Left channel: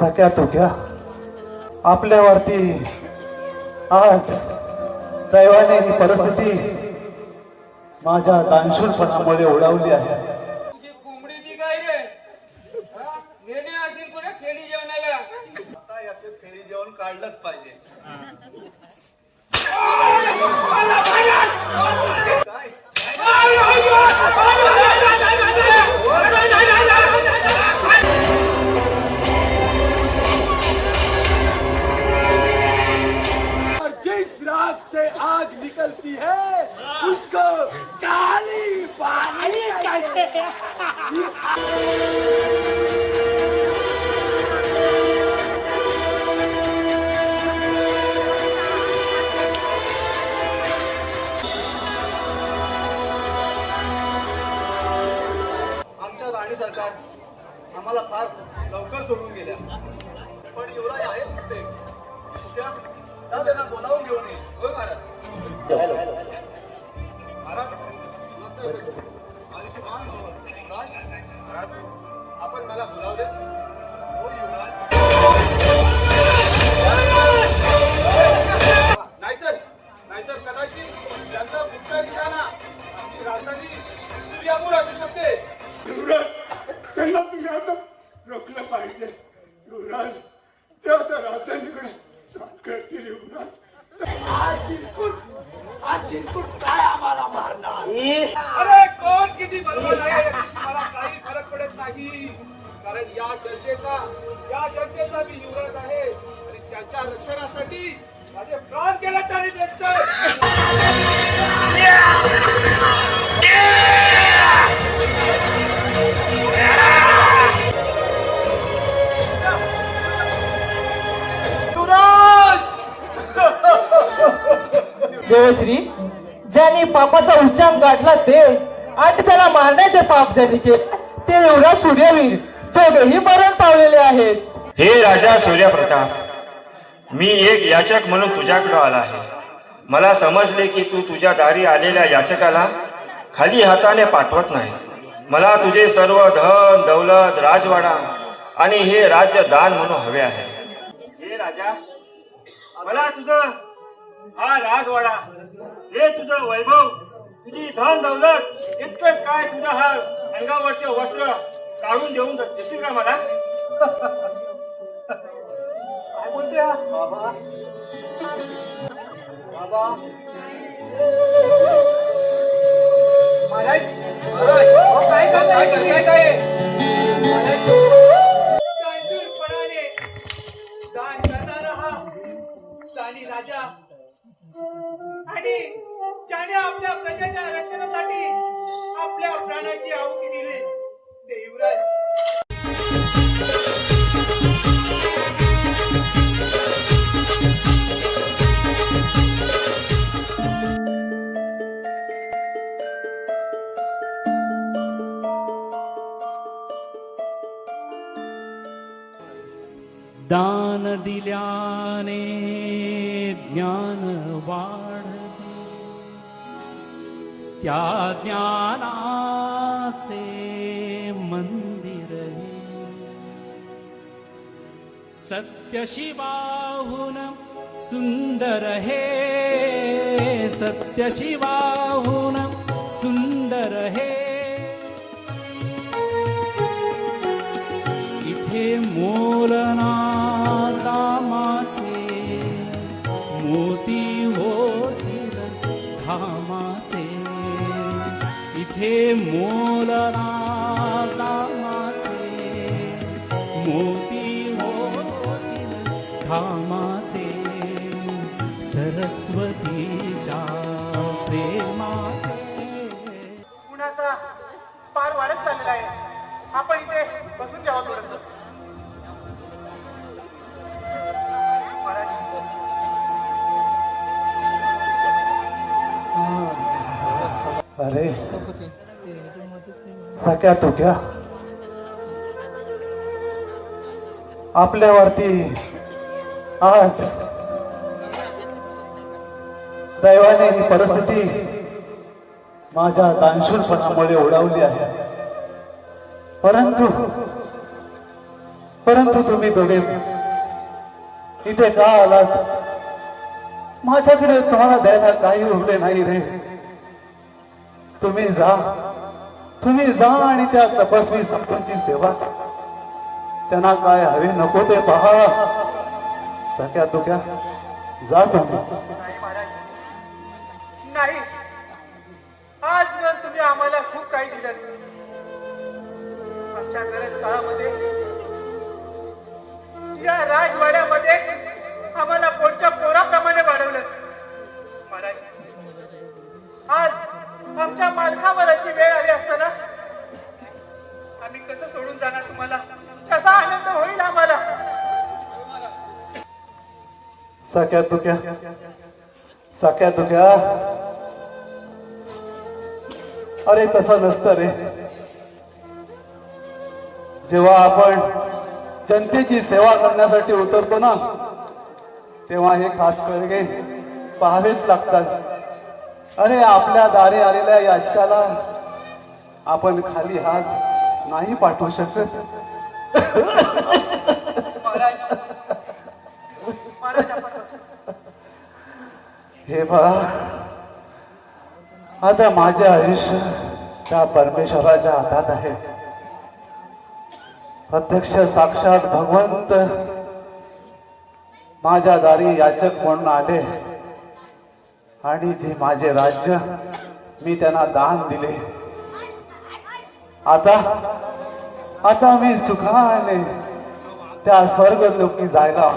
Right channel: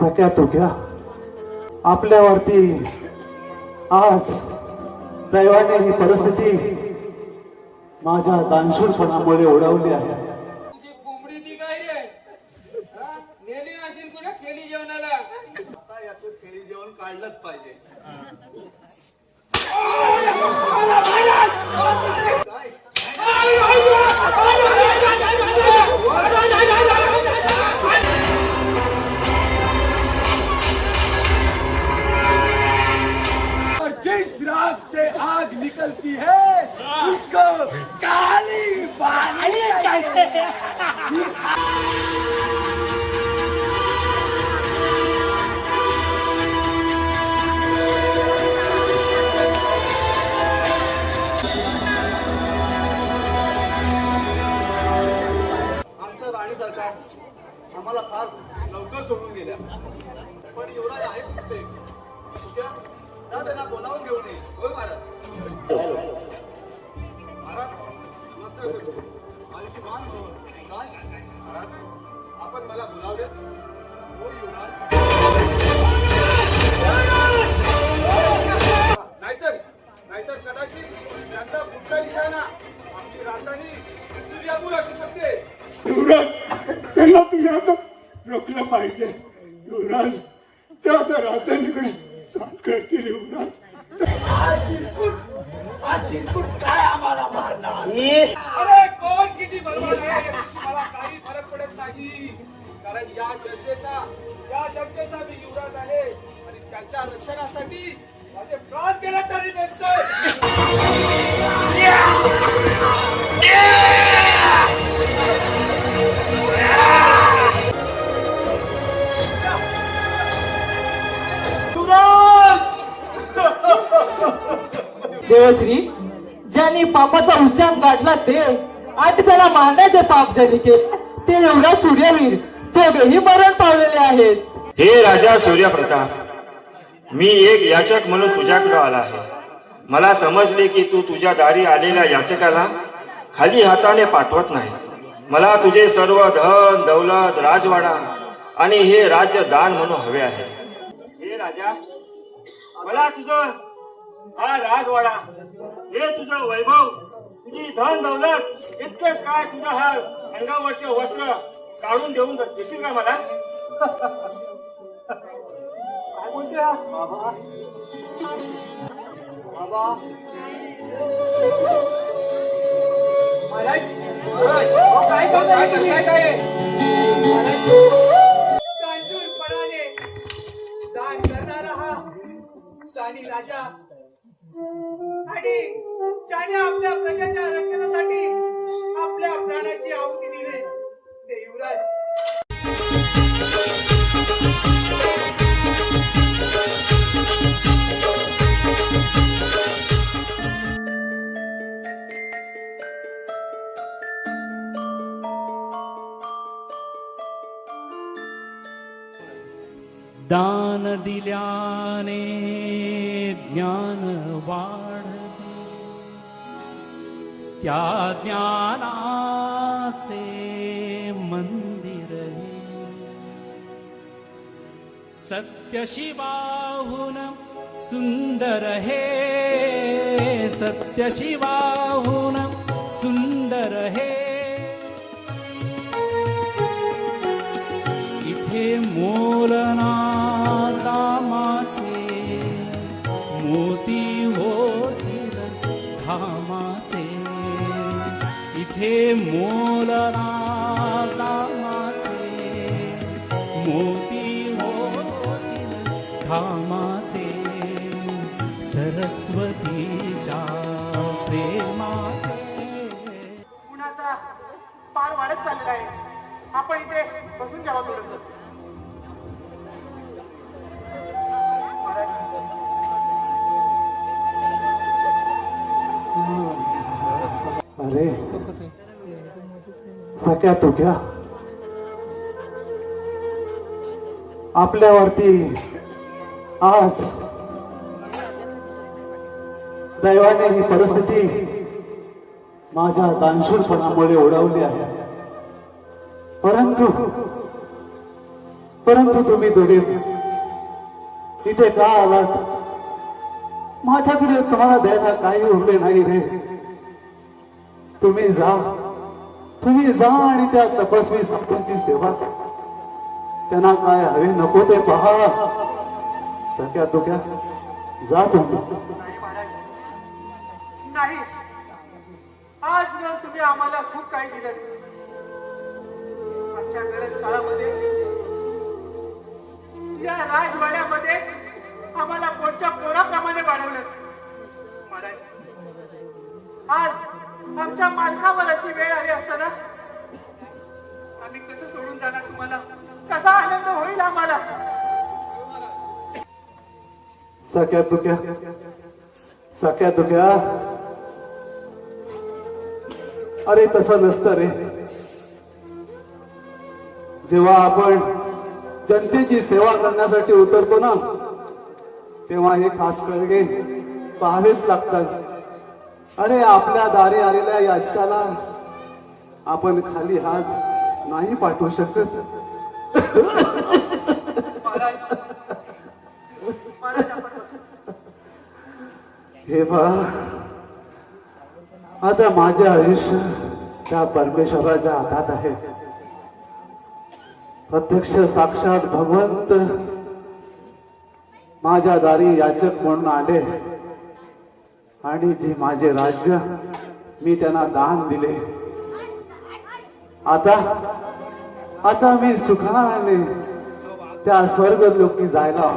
सख्या तुक्या आपल्यावरती आज दैवाने ही परिस्थिती माझ्या दानशूरपणामुळे उडवली आहे. कोंबडी ती काय रे नेणे असेल कोणी खेळी जेवणाला आता याचे खेळी जेवण काढलंच पाहिजे. और जिस राख से आग निकलती है उसको काली बाली कहते हैं. आमच्या राणी सरकार आम्हाला फार लवकर सोडून गेल्या. पण युवराज आहेत ना ते तुझ्या तर त्यांना बोलावून घेऊन ये. आपण मला बोलावले हो युवराज. नाहीतर नाहीतर कदाचित त्यांचा पुढचा निशाणा आपली राजधानी सूर्यापूर असू शकते. युवराज त्यांना तुम्ही आता रोखलं पाहिजे. युवराज ते आता राजधानीकडे चाल करतील. युवराज आज जिंकून काय आम्हाला मारणार. अरे कोण किती बरोबर आहे याच्याशी मला काही फरक पडत नाही. कारण या जनतेचा मी युवराज आहे आणि त्यांच्या रक्षणासाठी माझे प्राण केले तरी नसतं. देवश्री ज्यांनी पापाचा उच्चांक गाठला देव आणि त्याला मारण्याचे पाप ज्यांनी केले ते युवराज सूर्यवीर दोघेही मरण पावलेले आहेत. हे राजा सूर्यप्रताप, मी एक याचक म्हणून तुझ्याकडे आला आहे. मला समजले की तू तुझ्या दारी आलेल्या याचकाला खाली हाताने पाठवत नाहीस. मला तुझे सर्व धन दौलत राजवाडा आणि हे राज्य दान म्हणून हवे आहे. हे राजा, मला तुझं हा राजवाडा, हे तुझं वैभव, तुझी धन दौलत इतकंच काय तुझं हा अंगावरचे वस्त्र काढून देशील का मला? काय बोलते हा? बाबा महाराज काय करताय? दानशूरपणाने दान करणारा हा दानी राजा आणि ज्याने आपल्या प्रजेच्या रक्षणासाठी आपल्या प्राणाची आहुती दिली ते युवराज. दान दिल्याने ज्ञान वाढते, त्या ज्ञानाचे मंदिर हे सत्य शिवाहून सुंदर हे, सत्य शिवाहून सुंदर हे. इथे मोलना कामाचे मोती होतील धामाचे. इथे मोलना कामाचे मोती होतील धामाचे. सरस्वतीच्या प्रेमाचे. गुणाचा पार वाढत चाललेला आहे. आपण इथे बसून घ्यावं थोडंसं. अरे सख्या तुक्या आपल्यावरती आज दैवाने ही परिस्थिती माझ्या दानशूरपणामुळे उडवली आहे. परंतु परंतु तुम्ही दोघे इथे का आलात? माझ्याकडे तुम्हाला द्यायला काही उरले नाही रे. तुम्ही जा आणि त्या तपस्वी साधूंची सेवा करा. त्यांना काय हवे नको ते पहा. सख्या दुख्या जा तुम्ही. नाही महाराज, नाही. आजवर तुम्ही आम्हाला खूप काही दिलं. आमच्या गरज काळामध्ये या राजवाड्यामध्ये आम्हाला पोटच्या पोराप्रमाणे वाढवलं. महाराज, आज आमच्या मालकावर अशी वेळ आली असताना आम्ही कसं सोडून जाणार तुम्हाला? कसा आनंद होईल आम्हाला? सख्या दुख्या अरे तसं नसतं रे. जेव्हा आपण जनतेची सेवा करण्यासाठी उतरतो ना, तेव्हा हे खास करगे पाहावेच लागतात. अरे आपल्या दारी आलेल्या याचकाला आपण खाली हात नाही पाठवू शकत. हे पहा, आता माझे आयुष्य त्या परमेश्वराच्या हातात आहे. प्रत्यक्ष साक्षात भगवंत माझ्या दारी याचक म्हणून आले आणि जे माझे राज्य मी त्यांना दान दिले. आता मी सुखाने त्या स्वर्ग लोकी जायला.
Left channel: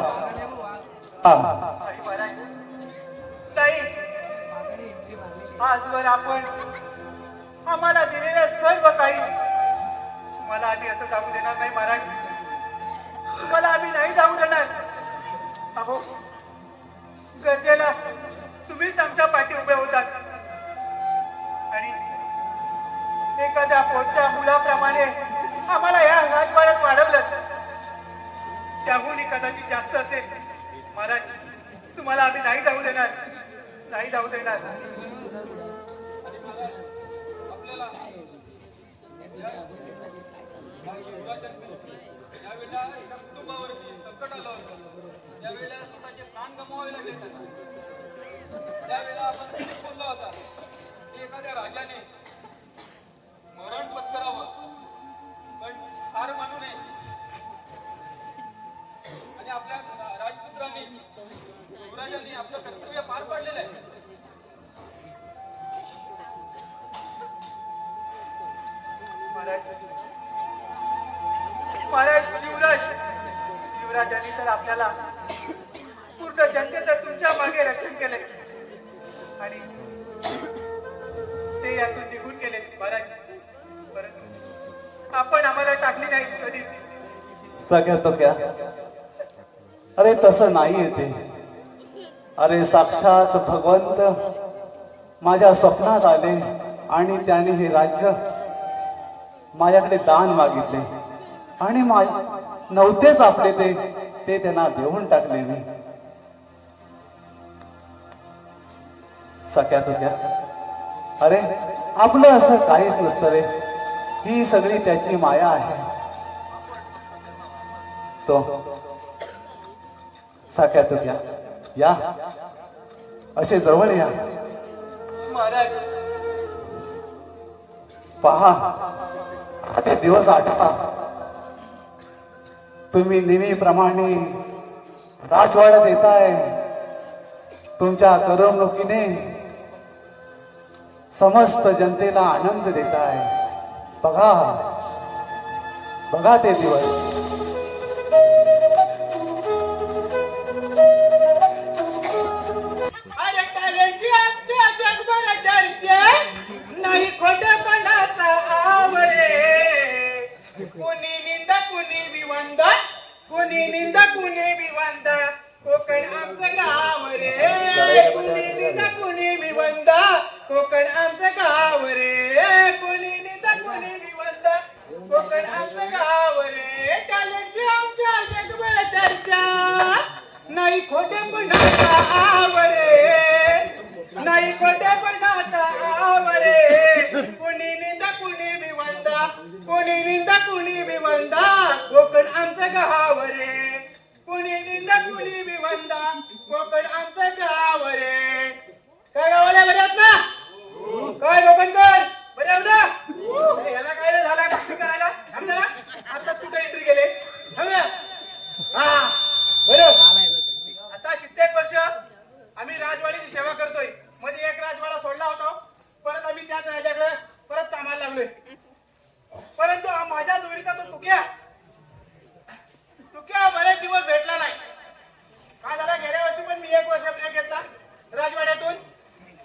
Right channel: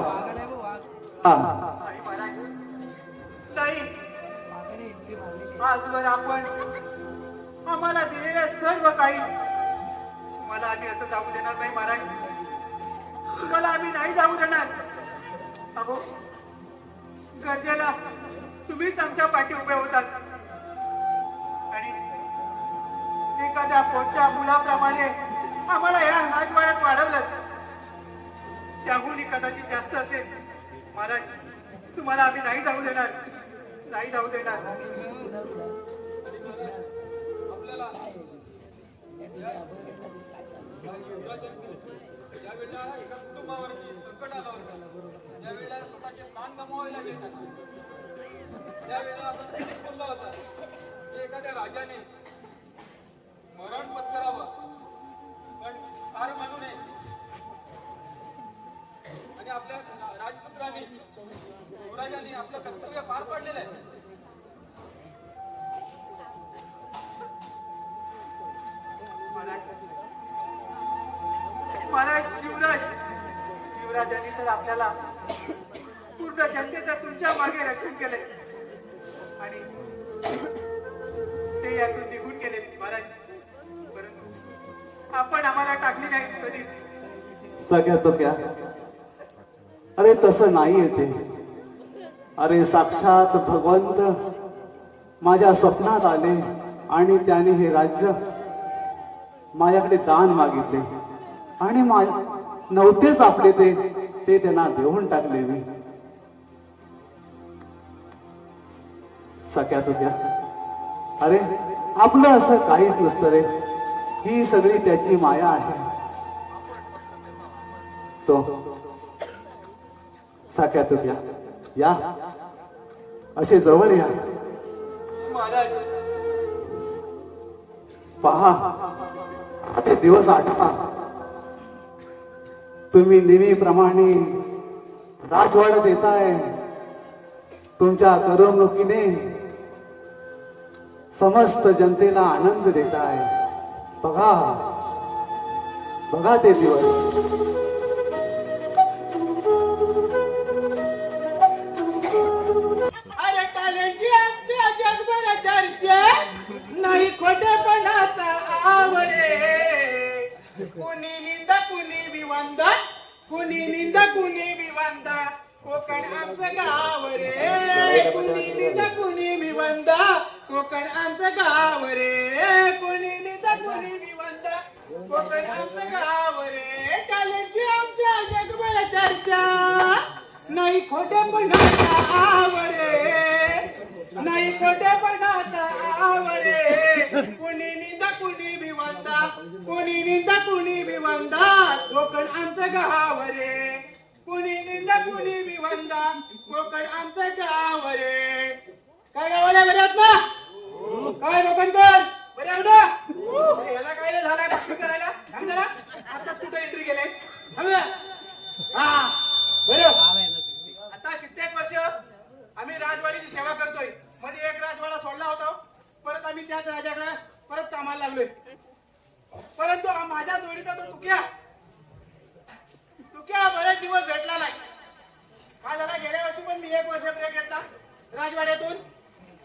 नाही, आजवर आपण आम्हाला दिलेल्या सर्व काही तुम्हाला आम्ही असं जाऊ देणार नाही महाराज. तुम्हाला आम्ही नाही जाऊ देणार. अहो, गरजेला तुम्हीच आमच्या पाठी उभे होतात आणि एखाद्या पोटच्या मुलाप्रमाणे आम्हाला या राजवाड्यात वाढवलं. त्याहून कदाचित जास्त असेल महाराज. तुम्हाला आम्ही नाही जाऊ देणार, नाही जाऊ देणार. ज्यावेळेला एका कुटुंबावरती संकट आलं होतं, ज्यावेळेला स्वतःचे प्राण गमवावे लागले त्यांना, त्यावेळेला आपण बोलला होता की एखाद्या राजाने मरण पत्करावं पण हार मानू नये आणि आपल्या राजपुत्रांनी युवराजांनी आपलं कर्तव्य पार पाडलेलं आहे. महाराज, युवराजांनी तर आपल्याला पूर्ण जनतेचं तुमच्या मागे रक्षण केले आणि ते यातून निघून गेले महाराज. परंतु आपण आम्हाला टाकली नाही कधी. सगळ्या तो क्या अरे तसं नाही येते. अरे साक्षात भगवंत माझ्या स्वप्नात आले आणि त्याने हे राज्य माझ्याकडे दान मागितले आणि नव्हतेच आपले ते त्यांना देऊन टाकले मी. सख्या तुक्या अरे आपलं असं काहीच नसतं रे. ही सगळी त्याची माया आहे. तो सख्या तुक्या या असे जवळ या. महाराज, पहा ते दिवस आठवा. तुम्ही नेहमीप्रमाणे राजवाड्यात येताय. तुमच्या करमणुकीने समस्त जनतेला आनंद देताय. बघा ते दिवस. अरे कालेजी आमच्या जगभर चर्चा नाही खोटेपणाचा आवरे. कोणी निंदा कोणी विवंदा, कोणी निंदा कोणी विवंदा, कोकण आमचं गाव रे. कोणी निंदा कोणी विवंदा, कोकण आमचं गाव रे. कोणी निंदा कोणी विवंदा, कोकण आमचं गाव रे. कालेजी आमच्या जगभर चर्चा नाही खोटेपणाचा आवरे, नाही खोटेपणाचा आवरे. कोणी निंदा कोणी विवंदा, कोणी निंदा कोणी विवंदा, कोकण आमचं गाव हा बरं. आता कित्येक वर्ष आम्ही राजवाडीची सेवा करतोय. मध्ये एक राजवाडा सोडला होता, परत आम्ही त्याच राजाकडे परत कामाला लागलोय. परंतु माझ्या जोडीचा तो तुक्या बरेच दिवस भेटला नाही. काय झाला, गेल्या वर्षी पण मी 1 वर्ष ब्रेक घेतला राजवाड्यातून,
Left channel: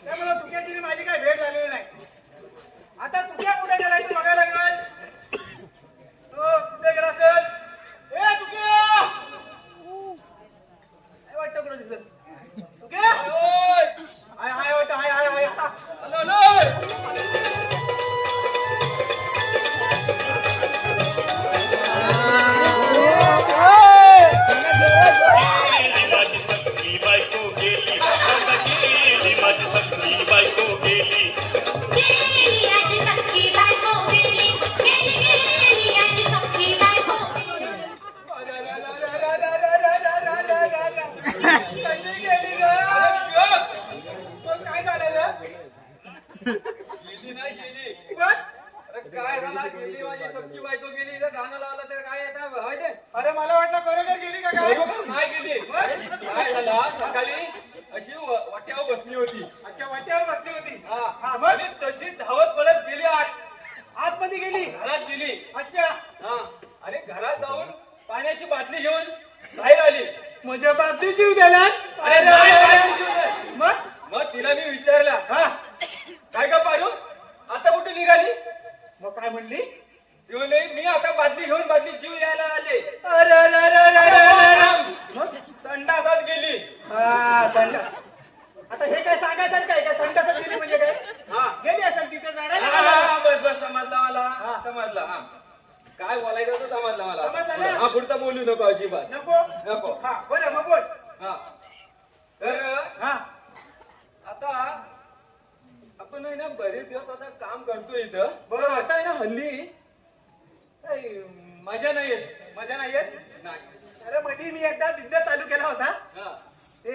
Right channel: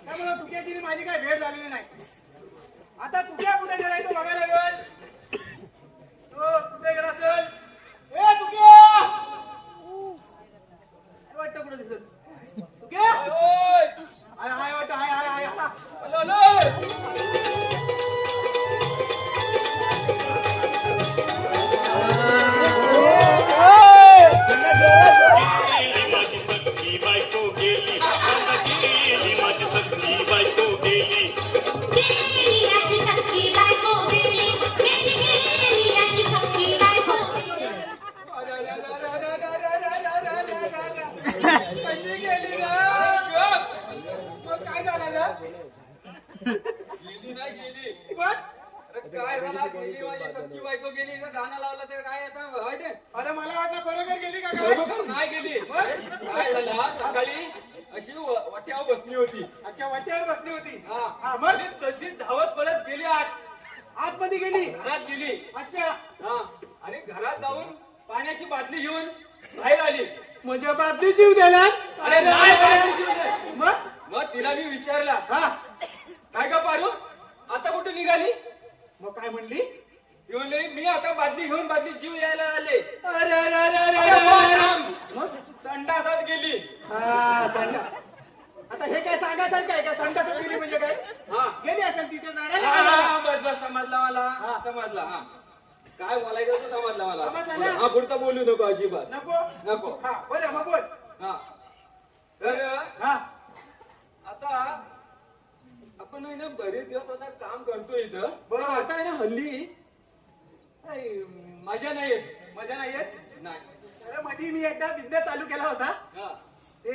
त्यामुळे तुक्याची माझी काही भेट झालेली नाही. आता तुक्या कुठे गेलाय तू बघायला लागल. तो कुठे गेला असेल? ए तुक्या, काय वाटतं कुठं दिसत? तुक्या हाय हाय वाटतं, हाय हाय हाय काय झालेलं? गेली नाही गेली. बघ. काय झाला, गेली म्हणजे सख्खी बायको गेली. इथं गाणं लावलं तर काय आता होय ते? अरे मला वाटलं बरोबर गेली का काय? नाही गेली. काय झालं, सकाळी अशी वाट्यावर बसली होती. अच्छा, वाट्यावर बसली होती. हा हा, मग आणि तशी धावत पळत गेली आतमध्ये गेली. घरात गेली. अच्छा, हा आणि घरात जाऊन पाण्याची बाटली घेऊन बाहेर आली. म्हणजे बाजू जीव गेला. अरे नाही. मग मग तिला मी विचारला, हा, काय का पारू आता कुठे निघाली? मग काय म्हणली? ती म्हणली, मी आता बादली घेऊन बादली जीव यायला आले. अरे अरे अरे अरे अरे अरे अरे. मग? संडासात गेली. हा, आता हे काय सांगायचं काय का संडासात गेली म्हणजे काय? हा गेली असेल तिथे हा, राडायला. हा, बस बस समजला मला. समजला. हा काय बोलायचं होतं समजलं मला. समजलं ना? हा पुढचा बोलू नको अजिबात. नको नको. हा, बरं मग बोल. हा तर हा, आता आपण आहे ना बरेच दिवस आता काम करतोय इथं. बरोबर. आता आहे ना हल्ली काही मजा नाही येत. मजा नाही येत. नाही. अरे मध्ये मी एकदा बिझनेस चालू केला होता. हा ते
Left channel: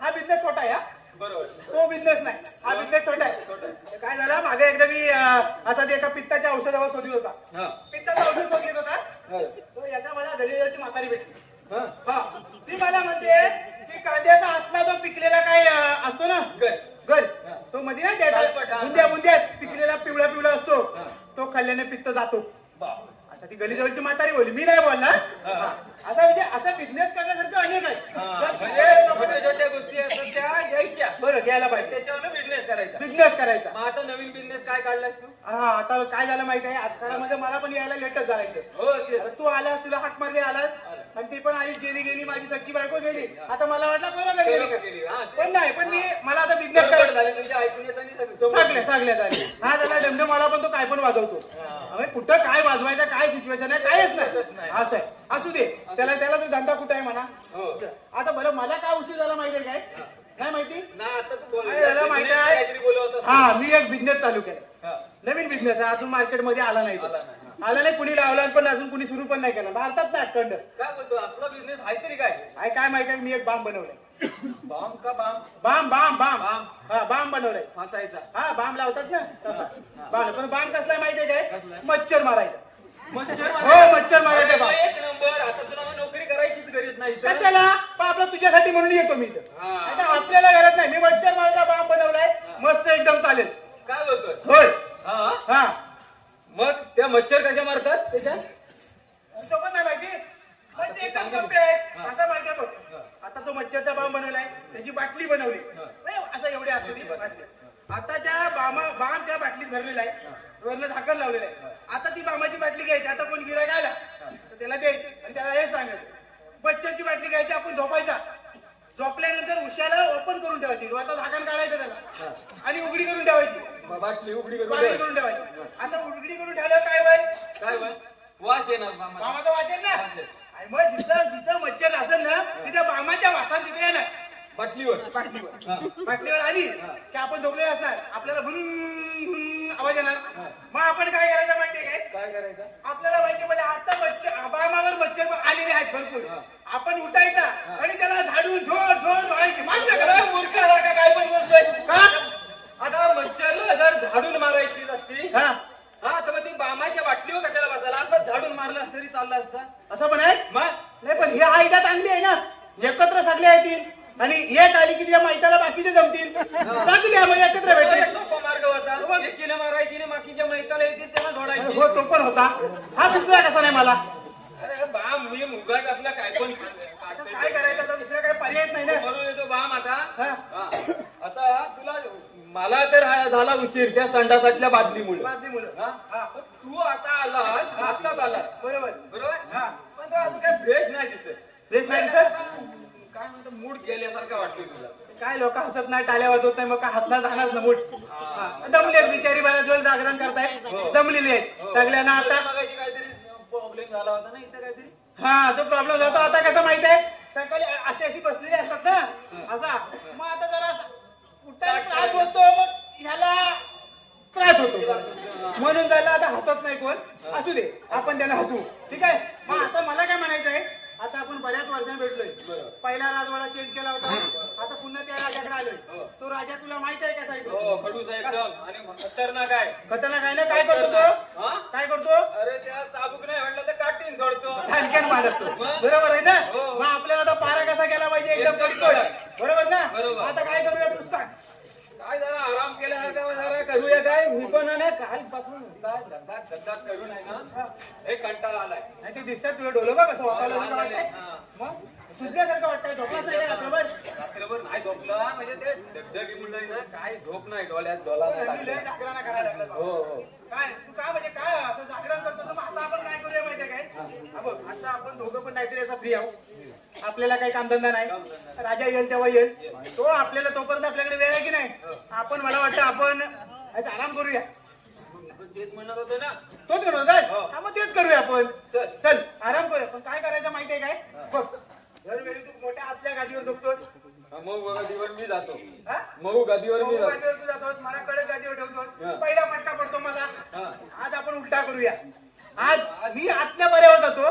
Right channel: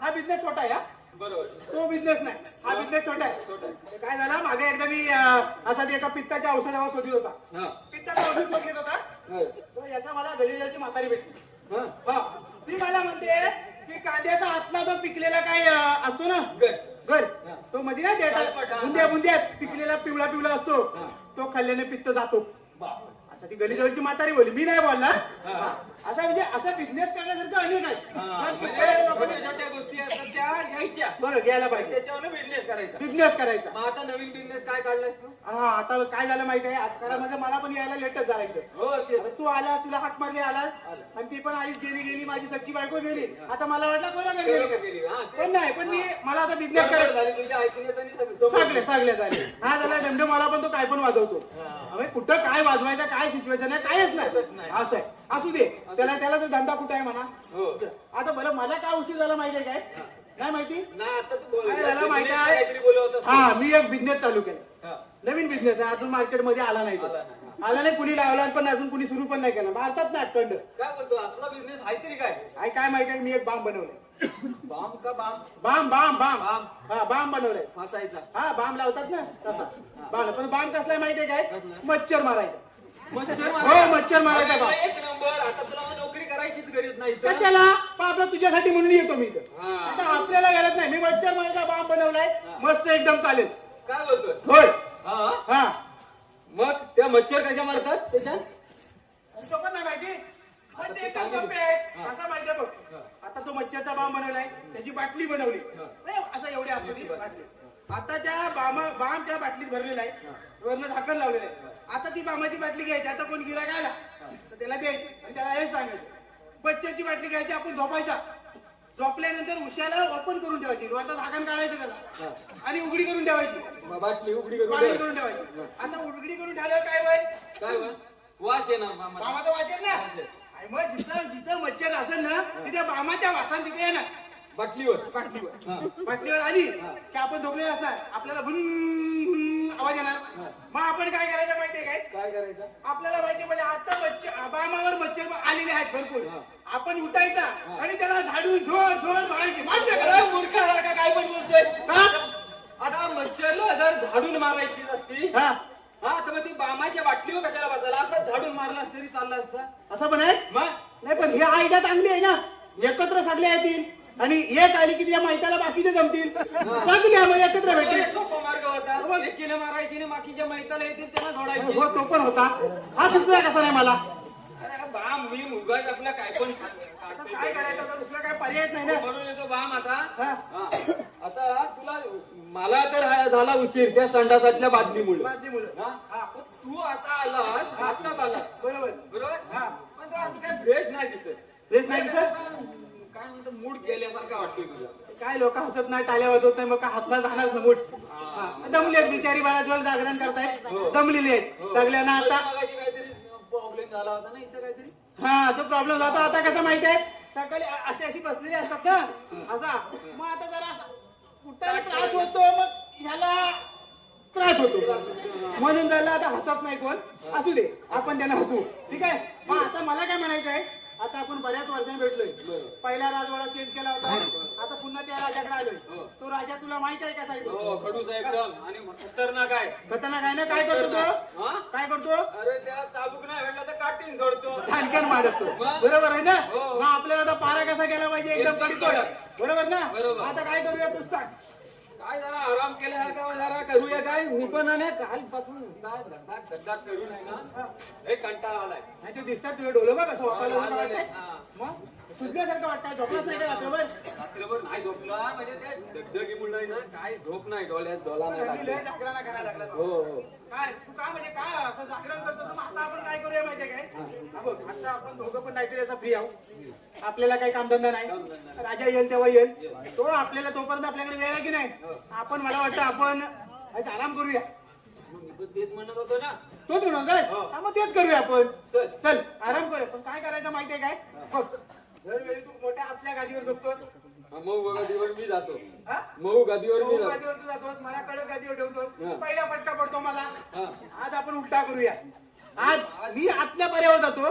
हा बिझनेस छोटा आहे हा. बरोबर. तो बिझनेस नाही, हा बिझनेस छोटा आहे. छोटा आहे. तर काय झालं, मागे एकदा मी असा एका पित्ताच्या औषधावर शोधित होता. हा पित्ताचं औषध शोधित होता. हा. तो एका मला गलिराची म्हातारी भेटली. हा. हा, ती मला म्हणते की कांद्याचा आतला जो पिकलेला काय असतो ना गल. गल, तो मध्ये नाही गलपट, हा. बुंद्या बुंद्यात पिकलेला पिवळा पिवळा असतो, हा. तो खाल्ल्याने पित्त जातो. बाप. असं ती गलीजवळची म्हातारी बोलली, मी नाही बोलला. हा. असं म्हणजे असं बिझनेस करण्यासारखं अनेक आहे. हा. जर म्हणजे पिकलेल्या छोट्या लोकांना- छोट्या गोष्टी असतात त्या घ्यायच्या. बरं, घ्यायला पाहिजे. त्याच्यावर बिझनेस करायचा. बिझनेस करायचा. मग आता नवीन बिझनेस काय काढलास तू? हा, आता काय झालं माहितीये, आजकालामध्ये मला पण यायला लेटच जायचं. हो तेच. आता तू आलास, तुला हाक मारली आलास, आणि ती पण आलीच गेली माझी सख्खी बायको गेली. आता मला वाटलं तुला घरी गेली. गेली. हा ते. पण नाही, पण मी मला आता बिझनेस गडबड करायचं. झाली तुमच्या ऐकून येत आणि सगळं. सगळे झाले. हा झाला डमडम, मला पण तो काय पण वाजवतो. म्हणजे कुठं काय वाजवायचं, काय सिच्युएशन आहे, कायच नाही. असं आहे. असू दे, त्याला तो धंदा कुठं आहे म्हणा. हो. आता बरं, मला काय उशीर झाला माहितीये काय? नाही माहिती? नाही आता तू बोल. काय झालं माहिती आहे? काहीतरी बोलत होतास. हा, मी एक बिझनेस चालू केला. हा. नवीन बिझनेस आहे, अजून मार्केटमध्ये आला नाही तो. आला नाही, कुणी लावला पण अजून कुणी सुरू पण नाही केलं. भारतात नाही अखंड. काय बोलतो आपला बिझनेस आहे तरी काय? काय माहिती, मी एक बाम बनवलाय. बॉम्ब का balm? Balm balm balm balm. हा, बाम बनवलाय. फासायचा. हा, बाम लावतात ना तसा बाम. पण बाम कसलाय माहितीये काय? मच्छर मारायचा. मच्छर हो, मच्छर मारायचा अरे बाम. बा, एक नंबर. आता तुला नोकरी करायचीच गरज नाही इथं. कशाला? पण आपलं तुझ्यासाठी म्हणून येतो मी इथं. हा. नाहीतर आपल्याला गरज नाही. मी मच्छर मारायचा बाम बनवलाय, मस्त एकदम चालेल. काय बोलतोय? होय. हा हा, मग त्या मच्छर कशा मारतात त्याच्यात? तुझं पण नाही माहिती? पण ते एकदम सोपे आहे. कसं माहितीये बघ, आता तो मच्छरचा बाम बनवलाय, त्याची बाटली बनवली. असं एवढे असते ती बाटली. आता त्या बाम त्या बाटलीत भरलेला आहे, वरनं झाकण लावलेलं आहे. आता ती बामाची बाटली घ्यायची. आता कोण गिरायक आला तर त्याला द्यायची आणि त्याला हे सांगायचं, मच्छरची बाटली घ्यायची, आपण झोपायचा. झोपल्यानंतर उशाला ओपन करून ठेवायची, वरचं झाकण काढायचं त्याला आणि उघडी करून ठेवायची. बाटली उघडी करून पाणी दे. करून ठेवायची. आता उघडी करून ठेवल्यावर काय होईल? काय बा? वास येणार मामा. बामाचा वास येईल ना. आणि मग जिथं मच्छर असेल ना, तिथे बामाच्या वासान तिथे येणार. बाटलीवर. बाटलीवर आली की आपण झोपलेले असणार, आपल्याला भुन आवाज येणार. मग आपण काय करायचं माहितीये काय? काय करायचं? आपल्याला माहितीये म्हणजे आता मच्छर बामावर मच्छर आलेले आहेत भरपूर. आपण उठायचा आणि त्याला झाडून झोड मारायची. माहिती काय का? मूर्खासारखा काय पण बोलतोय? हा? आता मच्छरला जर झाडून मारायची असती, हा, हा तर मग ती बामाच्या बाटलीवर कशाला बसायला? असं झाडून मारलं असतं तरी चाललं असतं. असं पण आहे. मग नाही पण ही आयडिया चांगली आहे ना, एकत्र सगळे येतील आणि एक आली की त्या माहिताला बाकीचे जमतील, सगळे आम्हाला एकत्र भेटेल. सोपा मार्ग होता. एकीने मारायची आणि बाकीच्या मैताला येतील तेव्हा जोडायची. हो, तो पण होता. हा सुचला कसा नाही मला. अरे बा मी मुलगा आपला काय पण काय करायचं आता, दुसरा काही पर्यायच नाही ना. बरोबर येतो बाम आता. हा. हा. आता तुला मला तर हा झाला उशीर त्या संडासातल्या बादलीमुळे. बादलीमुळं. हा? हा. पण तू आता आलास, आत्ताच आलास. बरोबर. बरोबर. हा. पण तो आज काय फ्रेश नाही दिसत. फ्रेश नाही सर. काय म्हणतो मूड गेल्यासारखं वाटतोय तुला. काय लोक हसत नाही, टाळ्या वाजवत नाही, मग काय हातला जाणार ना मोठ. दमलेत बिचारी, बऱ्याच वेळ जागरण करतायत, दमलेले आहेत सगळ्यांना आता. मगाशी काहीतरी प्रॉब्लेम झाला होता ना इथं काहीतरी. हा, तो प्रॉब्लेम जातो. आता कसं माहिती आहे, सकाळी अशी बसलेली असतात ना असा, मग आता जरा उठायला त्रास होतो, मग ह्याला त्रास होतो, म्हणून झालं आता हसत नाही कोण. असू दे, आपण त्याला हसू. ठीक आहे. मग आता मला काय म्हणायचं आहे, आता आपण बऱ्याच वर्षांनी भेटलोय. पहिला राजवाडा चेंज केला होता, आता पुन्हा त्या राजाकडे आलोय. तो राजा तुला माहित आहे कसा आहे तो? हो खडूस आहे एकदम आणि खतरनाक आहे. खतरनाक आहे ना. काय करतो तो? हा? काय करतो? अरे त्या चाबूक नाही म्हटलं तर काटीन जोडतो. आणखीन मारतो. बरोबर आहे ना. मग आपल्याला आता पारा कसा केला पाहिजे, एकदम कडीतोड. बरोबर ना. बरोबर. आता काय करूया तू सांग. काय जरा आराम केल्यासारखं जरा करूया काय निपणाने काय बसून धगधाग करू नाही ना. हे कंटाळा आलाय. नाही ते दिसतात तुझे डोलं बघ कसं वाकायला लहान लागलं झाले. वाटतंय. हा. मग सुजल्यासारखं वाटतंय. झोपत नाही का रात्रभर? रात्रभर नाही झोपला म्हणजे ते धगधगी मुलं ना काय झोप नाही डोळ्यात डोला पण नाही हल्ली लय लागला. जागरण करायला लागला हो तो. हो काय तू काय म्हणजे काय असं जागरण करतो. मग आता आपण काय करूया माहितीये काय, हा बघ, आता आपण दोघं पण काहीतरी असं फ्री आहोत. आपल्याला काही कामधंदा नाही. राजा येईल तेव्हा येईल. तो आपल्याला तोपर्यंत आपल्याकडे वेळ आहे की नाही. आपण मला वाटतं आपण आज आराम करूया. मी पण तेच म्हणत होतो ना. तोच म्हणून काय, हा, मग तेच करूया आपण. चल आराम करूया. पण काय करायचं माहितीये काय, बघ, दरवेळी तू मोठ्या आतल्या गादीवर झोपतोस. मऊ गादीवर मी जातो. हा? मऊ गादीवर मी मऊ जातो. गादीवर तू जातोस, मला कडक गादीवर ठेवतोस. हा. पहिला फटका पडतो मला. हा. आज आपण उलटा करूया. आज मी आतल्या बऱ्यावर जातो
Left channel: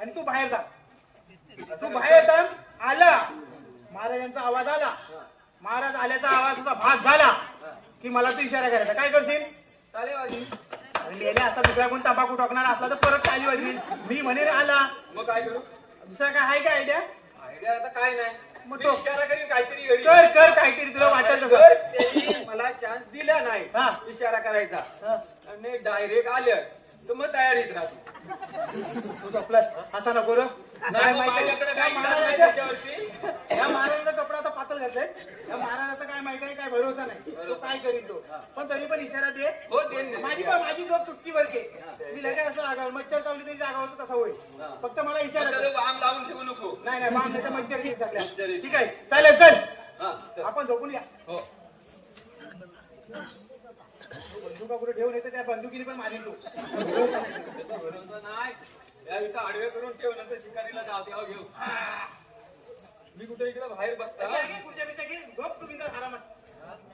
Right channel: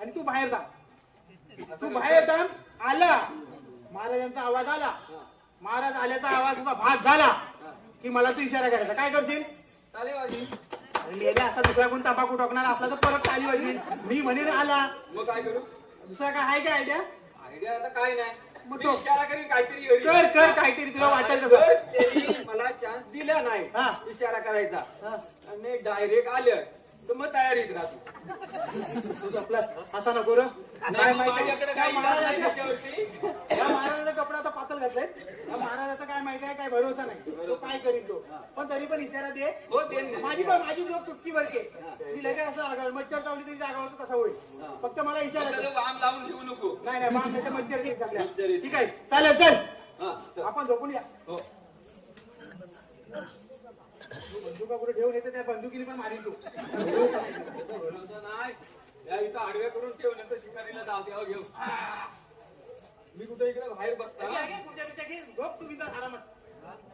आणि तू बाहेर जा. तू बाहेर जा. आला महाराजांचा आवाज आला, महाराज आल्याचा आवाज असा भास झाला की मला तू इशारा करायचा. काय करशील? चालेल बाजी. मेले असा दुसरा कोण तंबाखू टाकणार असला तर परत टाळी वाजवी. मी म्हणेन आला. मग काय करू? दुसरा काय आहे का आयडिया? आयडिया आता काय नाही. मग मी तो- इशारा करीन काहीतरी घरी. कर कर काहीतरी तुला वाटेल जर तसं. त्यांनी मला चान्स दिला नाही हा. इशारा करायचा हा. आणि डायरेक्ट आलं तर मग तयारीत राहतो. तू आपला असं नको रे. नाही मग माझ्याकडे काही इलाज नाही त्याच्यावरती. या महाराजाचा कपडा आता पातळ घेतोय. या महाराजाचा काय माहिती आहे, काय भरोसा नाही. तो काय करील तो. पण तरी पण इशारा दे. हो देईन ना. माझी झोप चुटकी वरचे. मी लगेच असं जागावर मच्छर चावली तरी जागावर कसं होईल. फक्त मला इशारा त्याला दे. वाम लावून ठेवू नको. नाही नाही बाम देता मच्छर येईल सगळ्या. मच्छर येईल. ठीक आहे चालेल. चल हा चल. आपण झोपून या. हो बंदुका कुठे ठेवून येते, त्या बंदुकीने पण मारेल तू. त्याचा भरोसा नाही. या इथं आडवे करून ठेवलं तर शिकारीला जाऊ द्यावं घेऊ. मी कुठे इकडे बाहेर बसता. पुढच्या पेक्षा घे. झोप तुम्ही तर आरामात.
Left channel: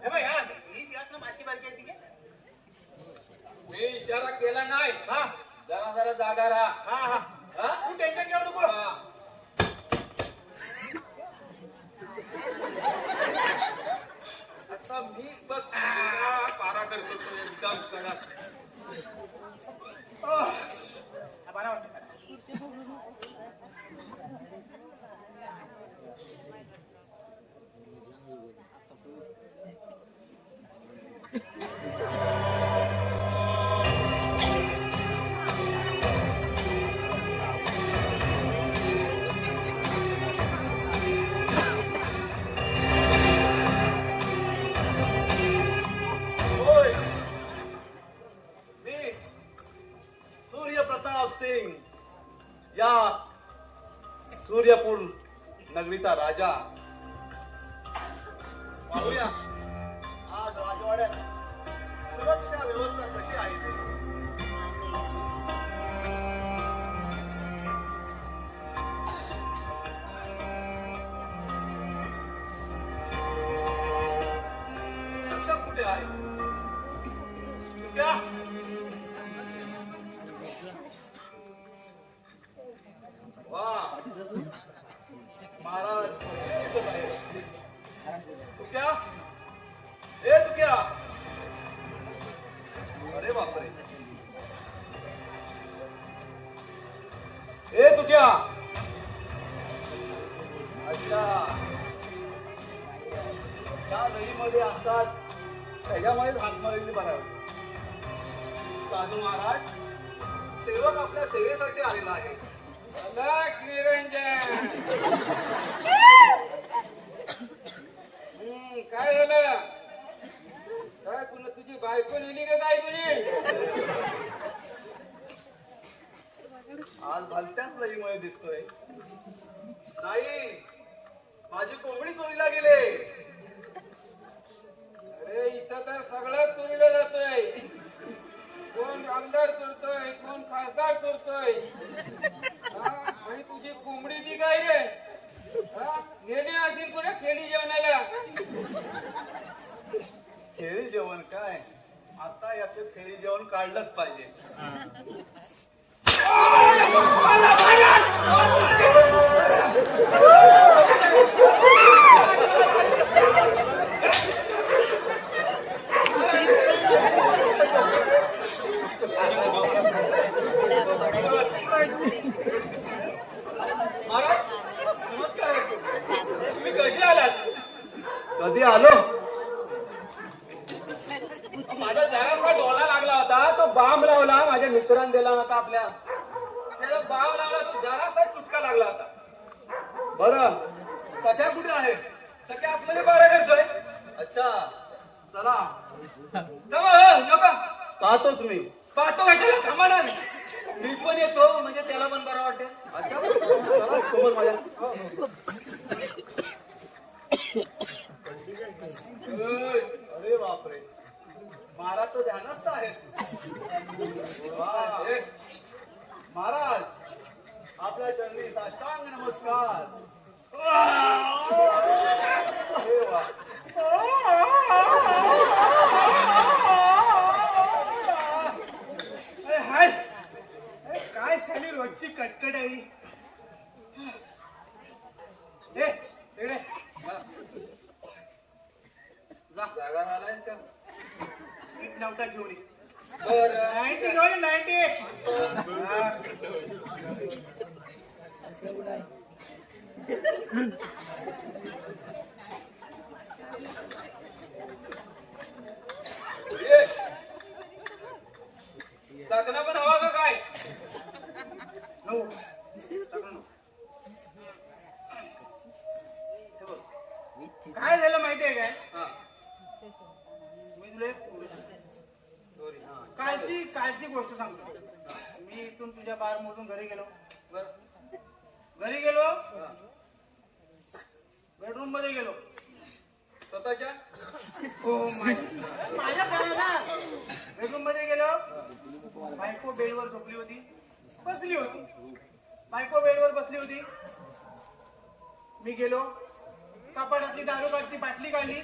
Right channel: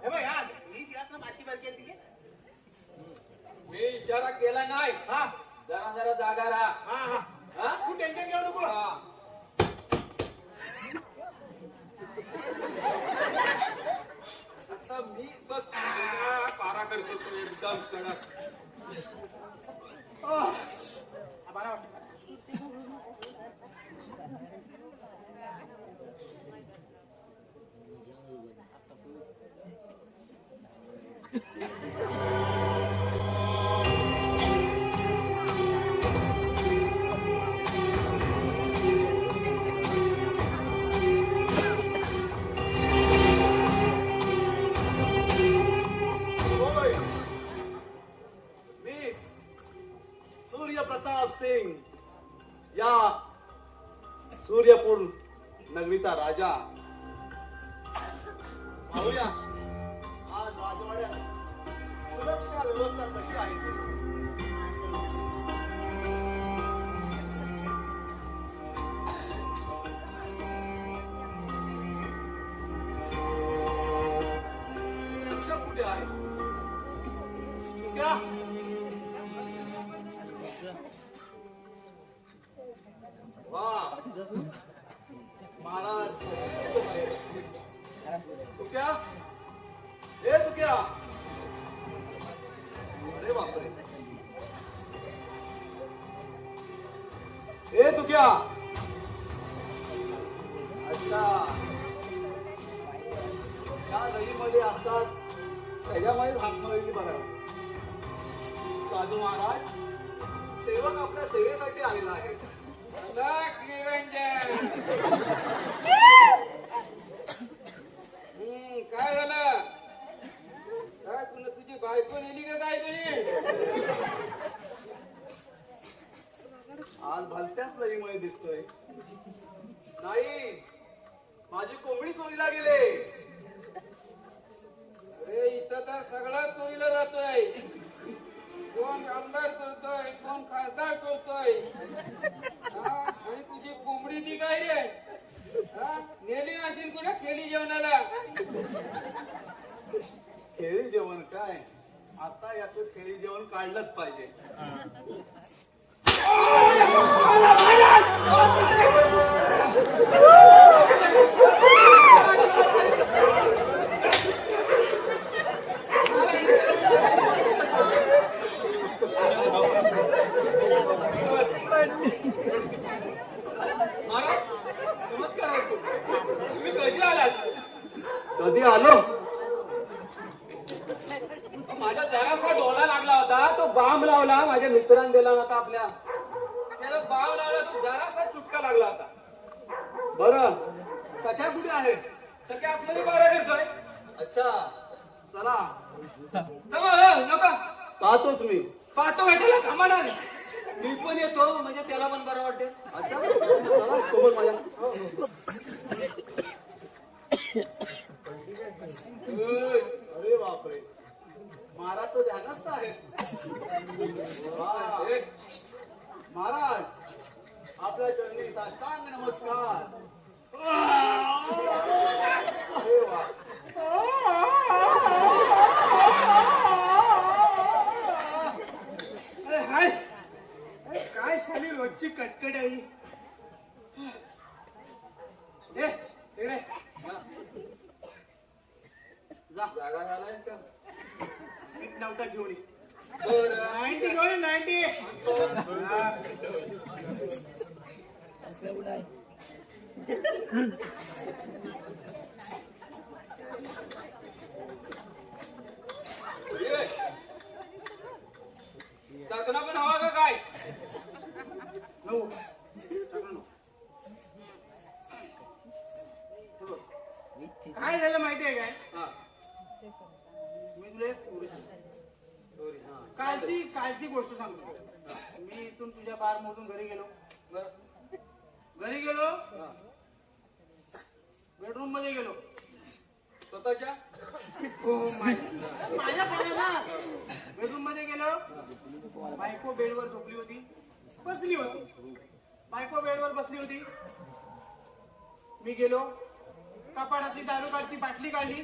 हे बघ, हा, ही शिवाय माती बारकी आहे, ठीक आहे? मी इशारा केला नाही. हा जरा जरा जागा राहा. हा हा. हा? तू टेन्शन घेऊ नको. हा. आता मी बघ पारा करतो तो एकदम कडक. बरं वाटतं. होय. मी सूर्यप्रताप सिंग या सूर्यपूर नगरीचा राजा. पाहूया आज राजवाड्यात सुरक्षा व्यवस्था कशी आहे ते. रक्षक कुठे आहे? क्या? वाह. महाराज तू क्या? ए तू क्या? अरे बापरे. ए तू क्या? सेवेमध्ये असतात त्याच्यामुळेच हातमळणी बनावी. साधू महाराज, सेवक आपल्या सेवेसाठी आलेला आहे. अलग निरंजन. काय झालं? काय तुला तुझी बायको नेली का काय तुझी? आज भलत्याच लईमुळे दिसतोय. नाही, माझी कोंबडी चोरीला गेले. अरे इथं तर सगळं चोरीला जातोय. कोण आमदार चोरतोय, कोण खासदार चोरतोय. आणि तुझी कोंबडी ती काय रे? नेली असेल कुठे खेळी जेवणाला. खेळी जेवण काय? आता याचं खेळी जेवण काढलंच पाहिजे. नमस्कार. तुम्ही कधी आलात? कधी आलो? माझा जरासा डोळा लागला होता. तो बाम लावला माझ्या मित्रांनी दिला होता आपल्या. त्याला बाम लावला तो जरासा चुटका लागला होता. बरं, सख्या कुठे आहे? सगळे आपल्याला बारा करतोय. अच्छा, चला नको पाहतोच मी. पाहतो कशाला थांबा ना. मी पण येतो म्हणजे त्याला पण बरं वाटतं. अच्छा, चला सोबत माझ्या. अरे बापरे, महाराज तो ध्यानस्थ आहेत. ए, महाराज, आपल्या चरणी साष्टांग नमस्कार. हाय काय साली रोजची कटकट आहे. ए रेडे जा जागा नालायक का? एक नवटा घेऊन ये. बरं. 90 घेऊन ये, 90. ए, जगणं पण हवा का काय? नऊ. काय झालं माहितीये काय? हा. मी तुला एक कालची गोष्ट सांगतो. मी इथून तुझ्या बार मोडून घरी गेलो. बेडरूम मध्ये गेलो. स्वतःच्या बेडरूम मध्ये गेलो. बायको बेडवर झोपली होती, बसली होती. बायको बेडवर बसली होती. मी गेलो, कपाटातली दारू कारची बाटली काढली,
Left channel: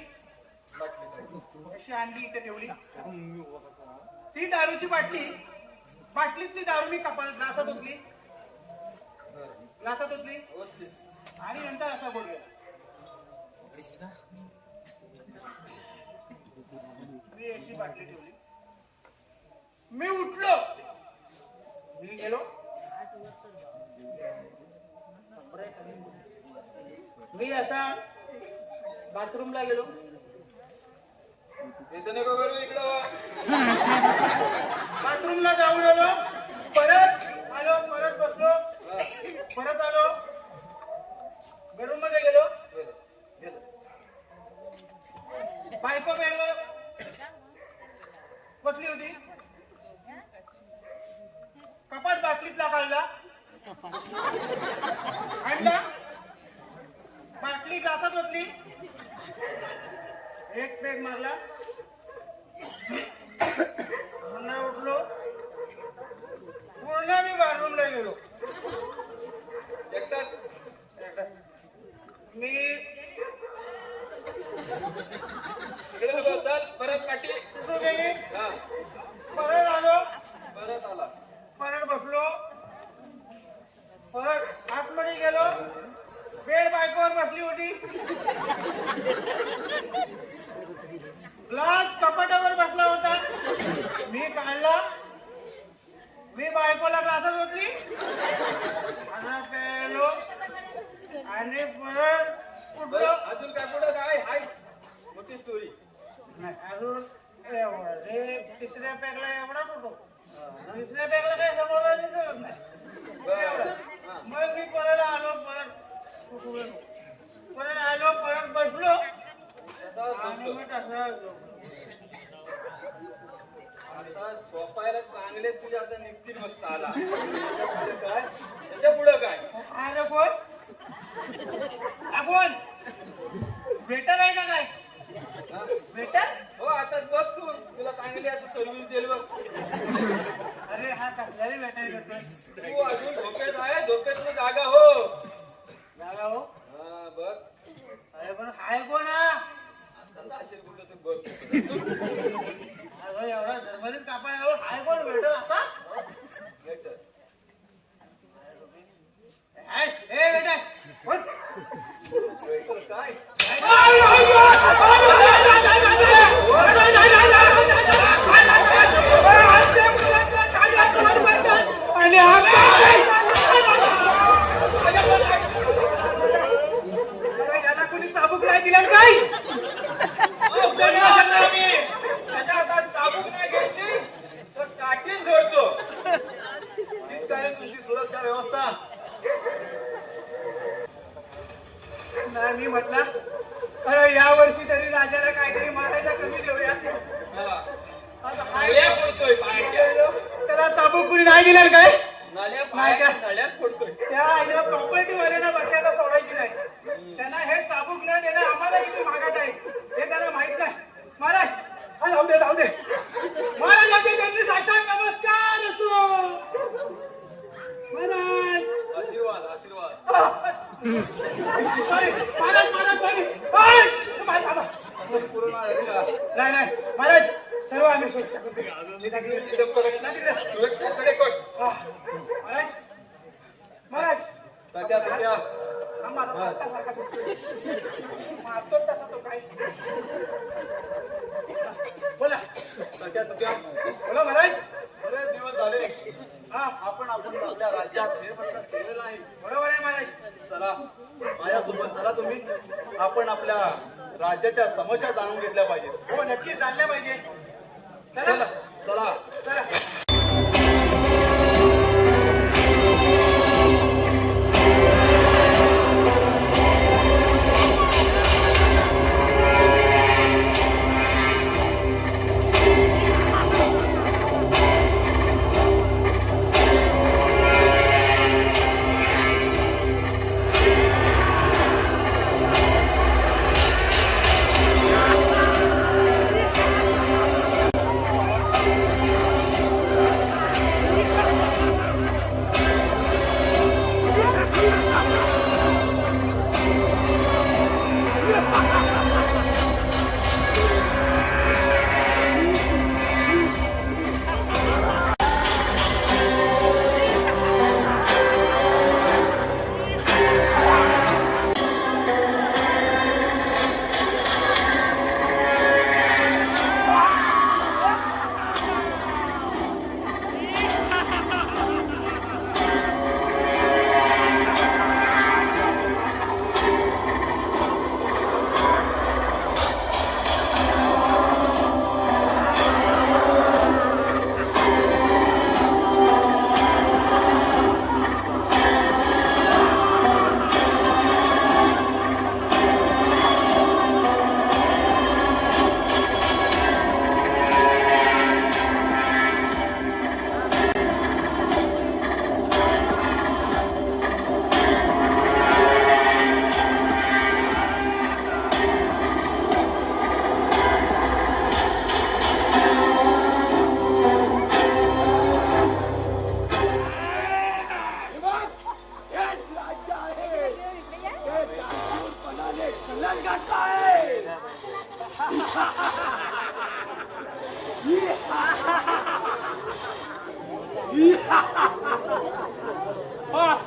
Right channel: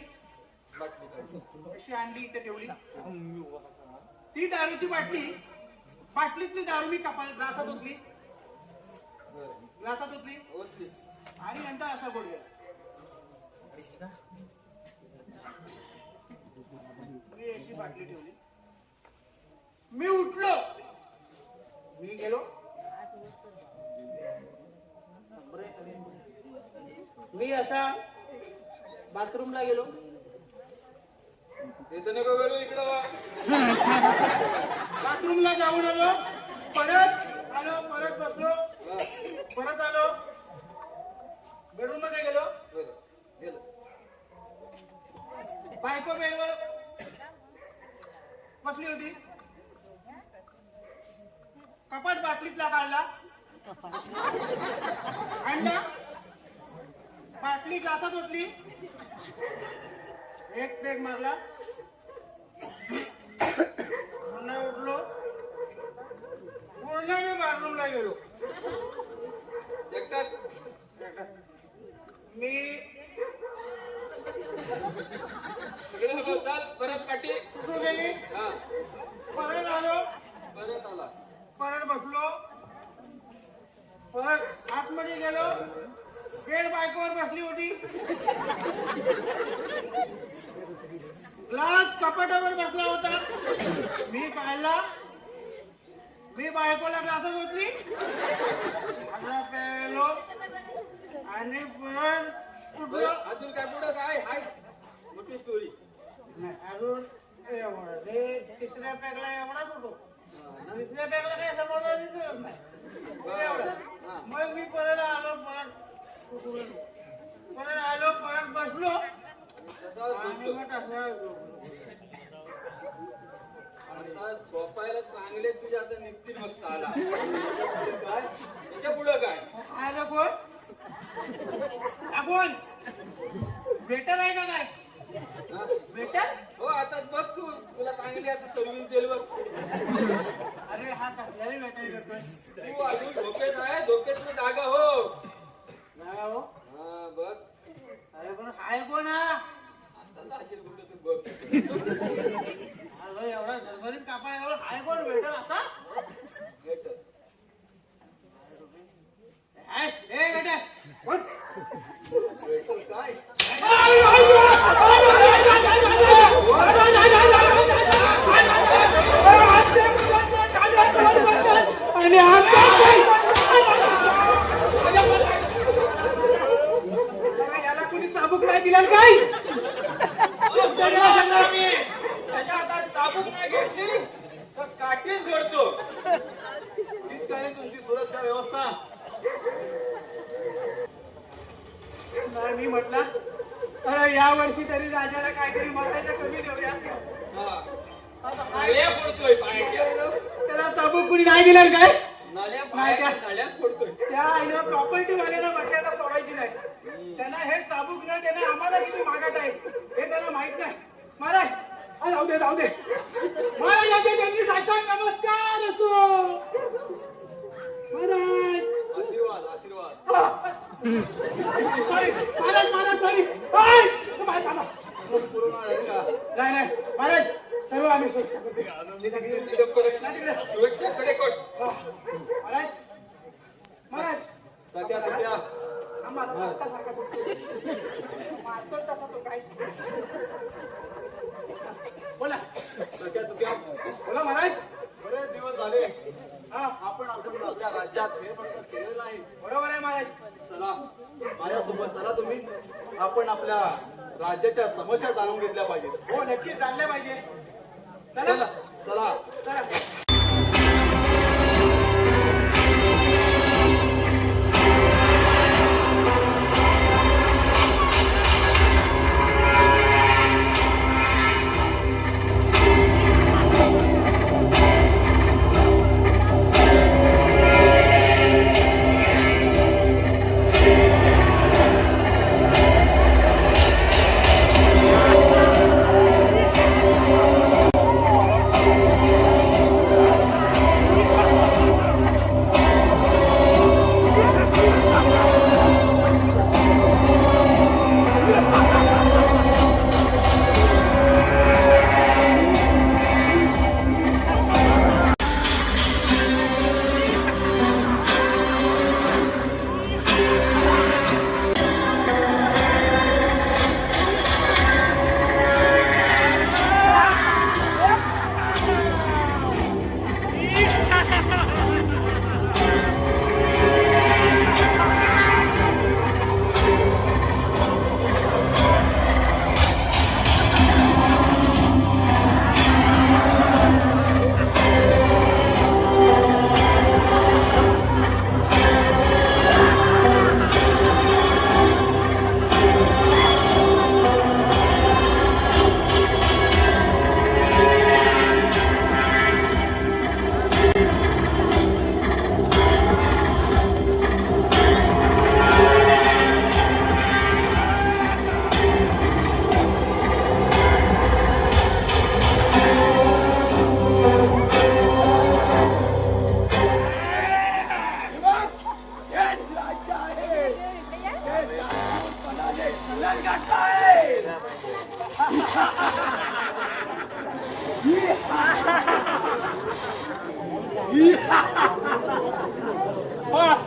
अशी आणली, इथे ठेवली. ती दारूची बाटलीतली दारू मी ग्लासात ओतली आणि नंतर असा गोड गेला. मी अशी बाटली ठेवली. मी उठलो, मी गेलो, मी असा बाथरूमला गेलो. बाथरूमला जाऊन आलो, परत आलो, परत बसलो, परत आलो, बेडरूम मध्ये गेलो. बायको बेडवर बसली होती. कपाट बाटलीतला काढला, आणला, बाटली ग्लासात ओतली, एक पेग मारला, पुन्हा उठलो, पुन्हा मी बाथरूमला गेलो. मी परत काठी पुसून गेली, परत आलो, परत बसलो, परत आतमध्ये गेलो. बेड बायकोवर बसली होती, ग्लास कपाटावर बसला होता. मी काढला, मी बायकोला ग्लासात होतली, आणि परत उठलो. अजून काय पुढं काय हाय? मोठी स्टोरी. अजून एवढं ते तिसऱ्या पॅकला एवढा फोटो तिसऱ्या पॅकला काय समोर दिसत नाही एवढं. मग मी परत आलो परत बसलो आणि मग असं आता झोपायला चांगले तुझे आता निघतील मग साला. काय त्याच्या पुढं काय आलो कोण आपण बेटर आहे का काय बेटर हो आता बघ तू तुला चांगली आता सर्व्हिस देईल बघ. अरे हा कसला बेटर करतोय तू अजून झोपेत आहे झोपेतली जागा हो. जागा हो हा बघ अरे पण हाय कोण हा आता असेल कुठं तू बघ. अगं एवढा झरमरीत कापड हाय कोण बेटर असा बेटर. ए बेटा कोण काय याला कोणी चाबूक नाही दिला काय त्याच्या हातात चाबूक नाही घ्यायची तर काठीच झोडतो. हीच काय रे तुमची सुरक्षा व्यवस्था? नाही मी म्हटलं या वर्षी तरी राजाला काहीतरी मारायला कमी देऊया आता काय नळ्या फोडतोय पाण्याच्या. त्याला चाबूक कुणी नाही दिला काय नळ्या नाही का? पाण्याच्या नळ्या फोडतोय. त्या आईला प्रॉपर्टी वाल्याला बघ्याला सोडायची नाही त्यांना हे चाबूक न देणं आम्हाला किती मागत आहे हे त्यांना माहित नाही. महाराज हा जाऊ दे महाराज आधी त्यांनी साष्टांग नमस्कार असो महाराज आशीर्वाद आशीर्वाद. महाराज सॉरी नाही महाराज सर्व आम्ही सुरक्षेकडे कर. महाराज महाराज सगळ्या तुझ्या मारतो तसा तो काय बोला सगळ्या तुझ्या बोला महाराज बरेच दिवस झाले हा आपण आपल्या राज्यात फेरफटका केलेला नाही. बरोबर आहे महाराज चला माझ्यासोबत चला तुम्ही. आपण आपल्या राज्याच्या समस्या जाणून घेतल्या पाहिजेत. हो नक्की चालल्या पाहिजे चला चला चला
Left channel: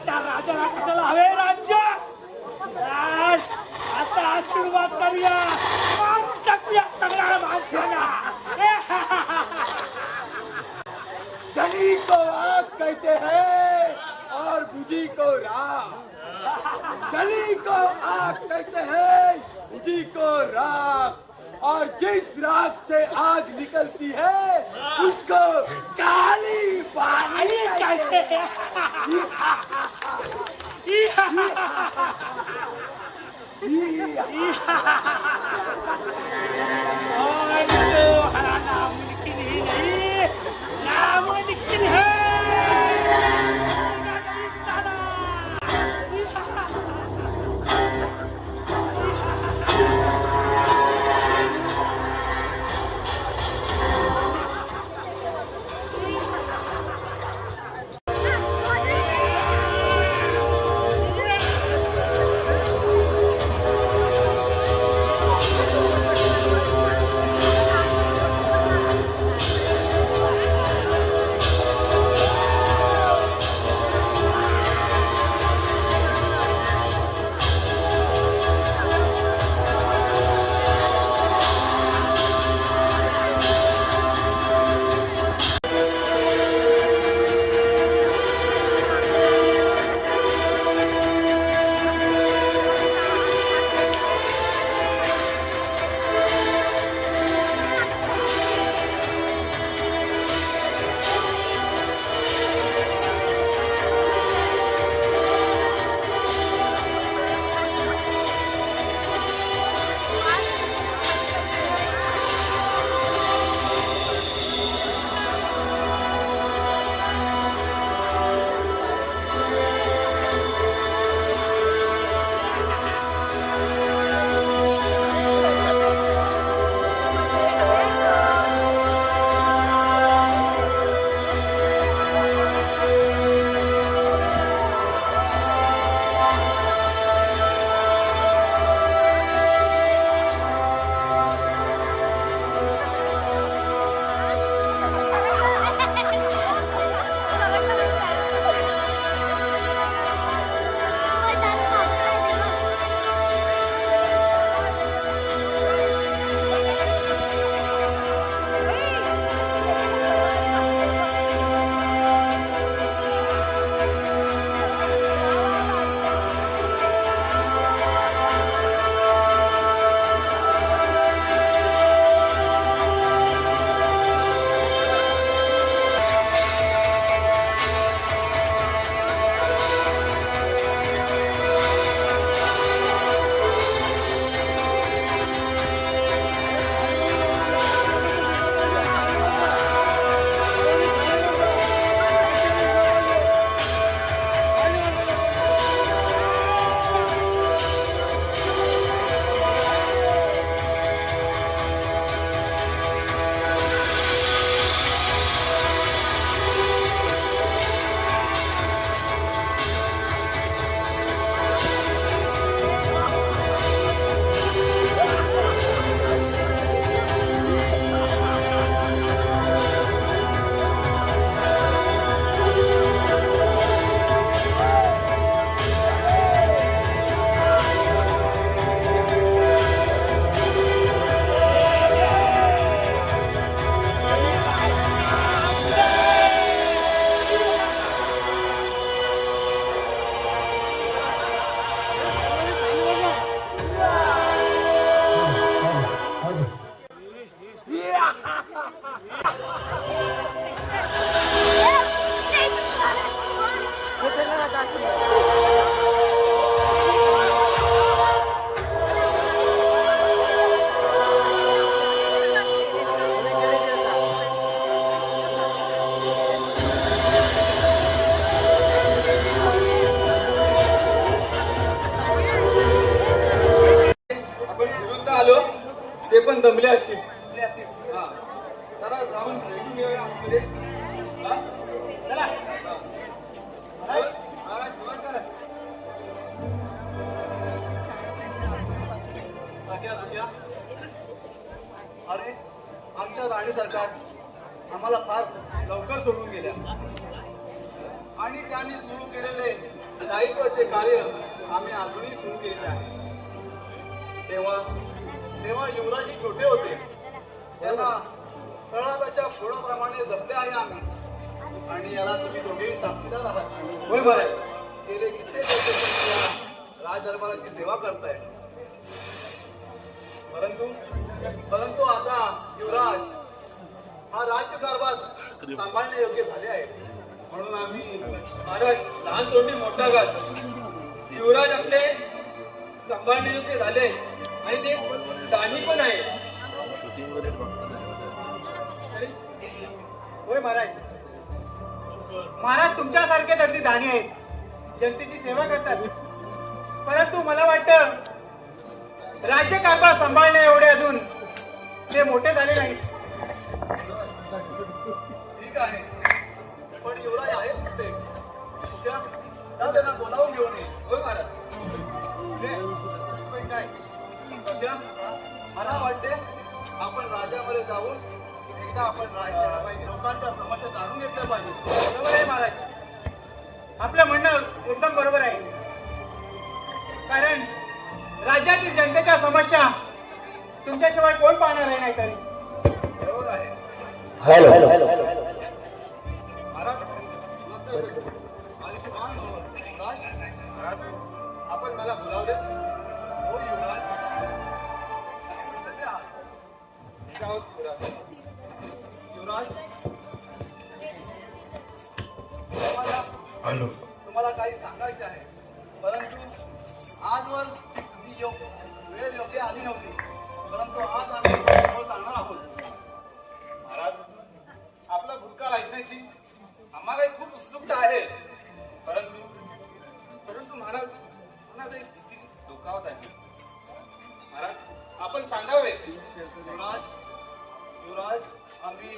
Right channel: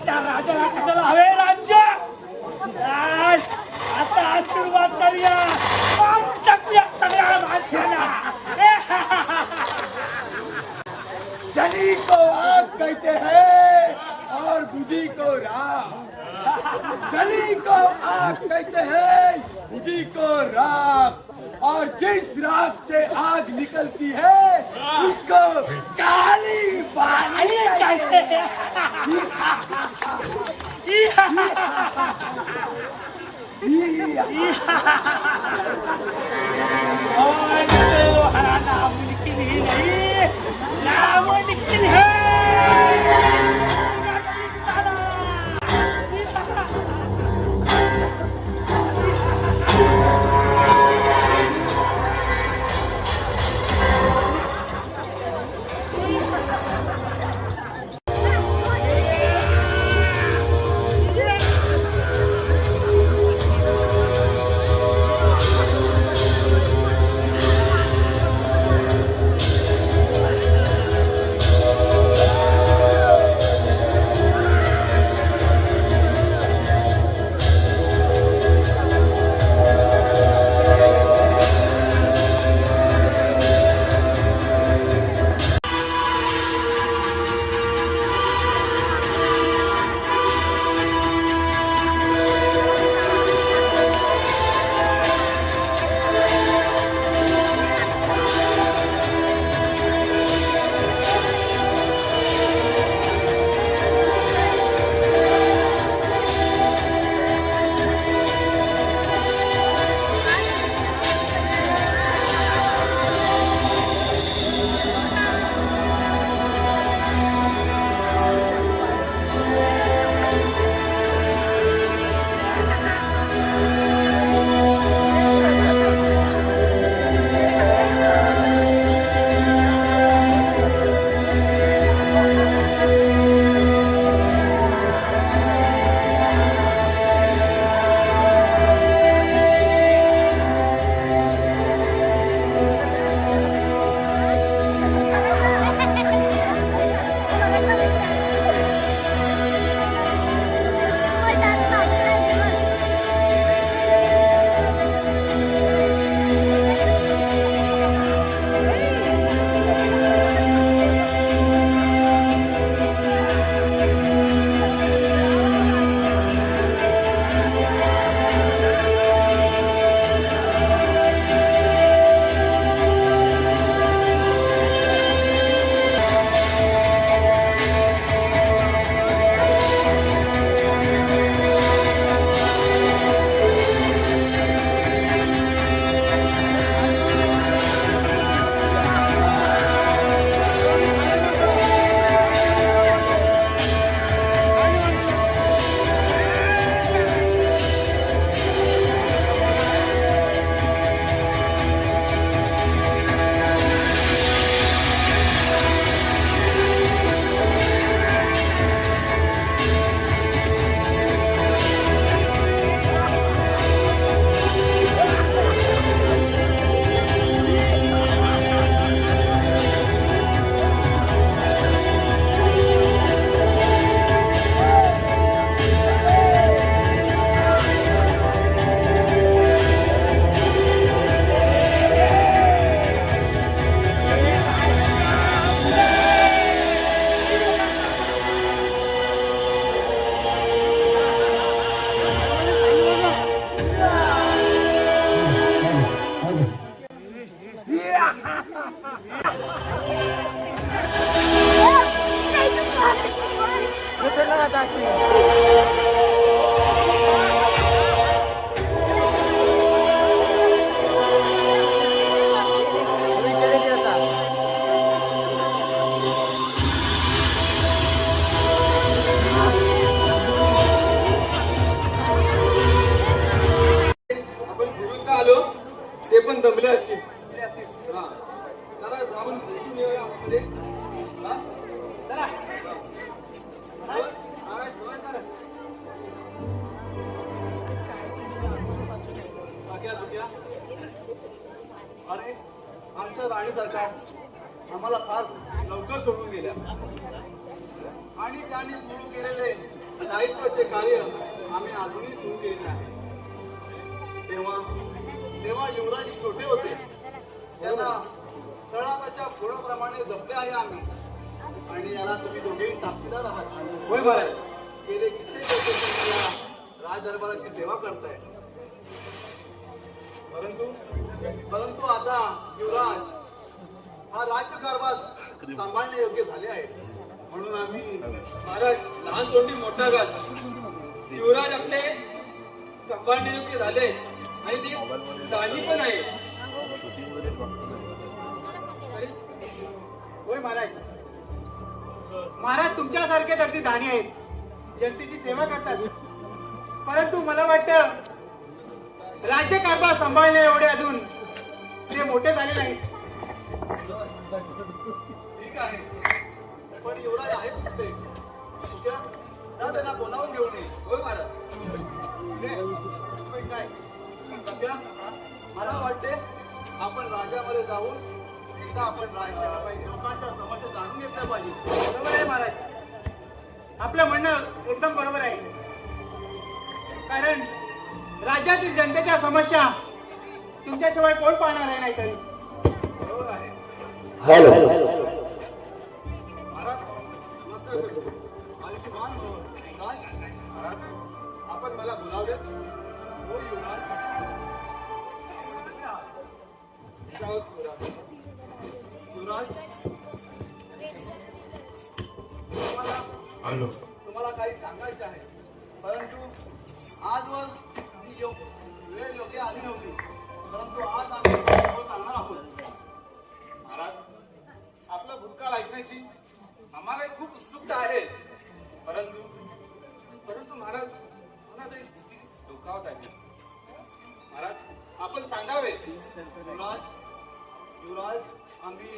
त्या राजाला कशाला हवे राज्य? आता आशीर्वाद करूया टाकूया सगळ्या माणसाला. जनी को आग कहते हैं और बुझी को राख. जली को आग कहते हैं बुझी को राख. और जिस राग से आग निकलती है उसको काली बाली कहते हैं। और तुम्हारा नामुमकिन ही नहीं, नामुमकिन है। ते पण दमले असतील. हा. जरा जाऊन भेटून येऊया आतमध्ये. हा? चला. हा, जेवण करा. अरे आमच्या राणी सरकार आम्हाला फार लवकर सोडून गेल्या आणि त्यांनी सुरू केलेले दायित्वाचे कार्य आम्ही अजूनही सुरू केले आहे. तेव्हा युवराजी छोटे होते, त्यांना तळाच्या फोडाप्रमाणे जपले आहे आम्ही, आणि याला तुम्ही दोघेही साक्षीदार आहात. होय बाय. गेले कित्येक वर्ष राजदरबाराची सेवा करताय, सांभाळणे योग्य झाले आहे म्हणून आम्ही महाराज लहान तोंडी मोठा घात युवराज आपले सांभाळण्यायोग्य झाले आणि ते दानी पण आहे. होय महाराज. महाराज तुमच्यासारखेच अगदी दानी आहेत, जनतेची सेवा करतात. परंतु मला वाटतं राज्यकारभार सांभाळण्या एवढे अजून ते मोठे झाले नाहीत. ठीक आहे पण युवराज आहेत ते तुझ्या तर त्यांना बोलावून घेऊन ये. होय महाराज. काय सध्या मला वाटते आपण राज्यामध्ये जाऊन एकदा आपण राज्याला पाहिजे लोकांच्या समस्या जाणून घेतल्या पाहिजे. बरोबर आहे महाराज. आपलं म्हणणं एकदम बरोबर आहे. कारण राज्यातील जनतेच्या समस्या तुमच्याशिवाय कोण पाहणार आहे नाही तरी. बरोबर आहे. माझी मान युवराज, आपण मला बोलावले. हो युवराज, कसे आहात? जाऊ युवराज. युवराज, तुम्हाला काही सांगायचे आहे परंतु आजवर ती वेळ योग्य आली नव्हती. परंतु आज आम्ही सांगणार आहोत. महाराज आपला भूतकाळ ऐकण्याची आम्हालाही खूप उत्सुकता आहे. परंतु महाराज मला एक भीती डोकावत आहे. महाराज आपण सांगावे. युवराज आम्ही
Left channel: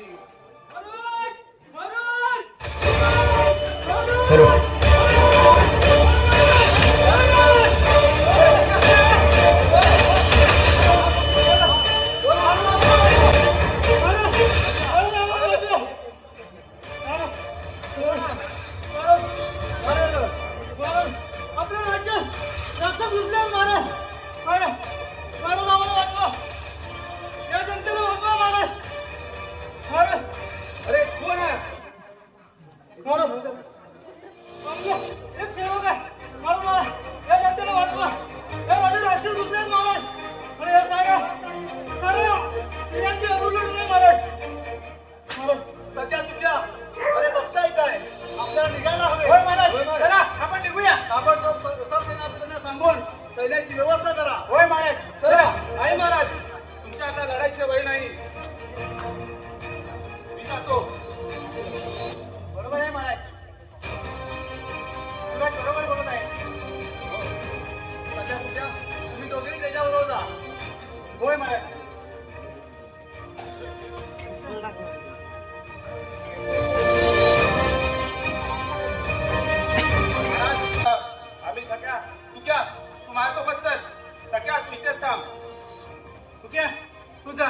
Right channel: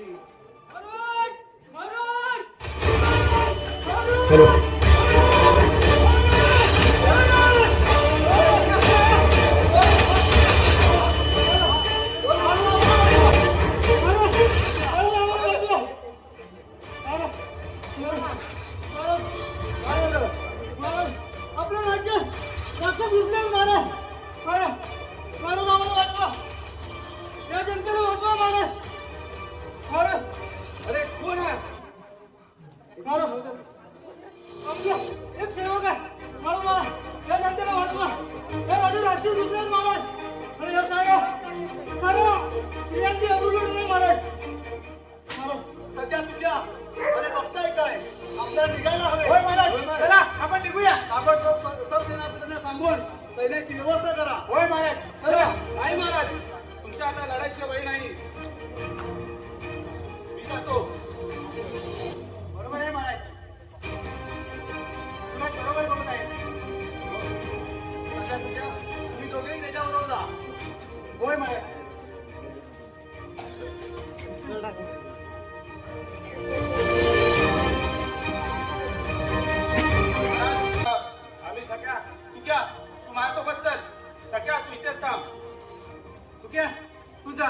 अरे कोण आहे? सध्या तुझ्या अरे बघताय काय आपल्याला निघायला हवे. होय महाराज. चला आपण निघूया. आपण सैन्याधिकाऱ्यांना सांगून सैन्याची व्यवस्था करा. होय महाराज. चला. नाही महाराज तुमच्या आता लढायचे वय नाही. मी जातो. बरोबर आहे महाराज. तुला बरोबर बोलत आहे. सध्या तुझ्या तुम्ही दोघेही त्याच्याबरोबर जा. होय महाराज. आम्ही सगळ्या तुक्या तू माझ्यासोबत चल. सगळ्या तू इथेच थांब. तुझ्या तू जा.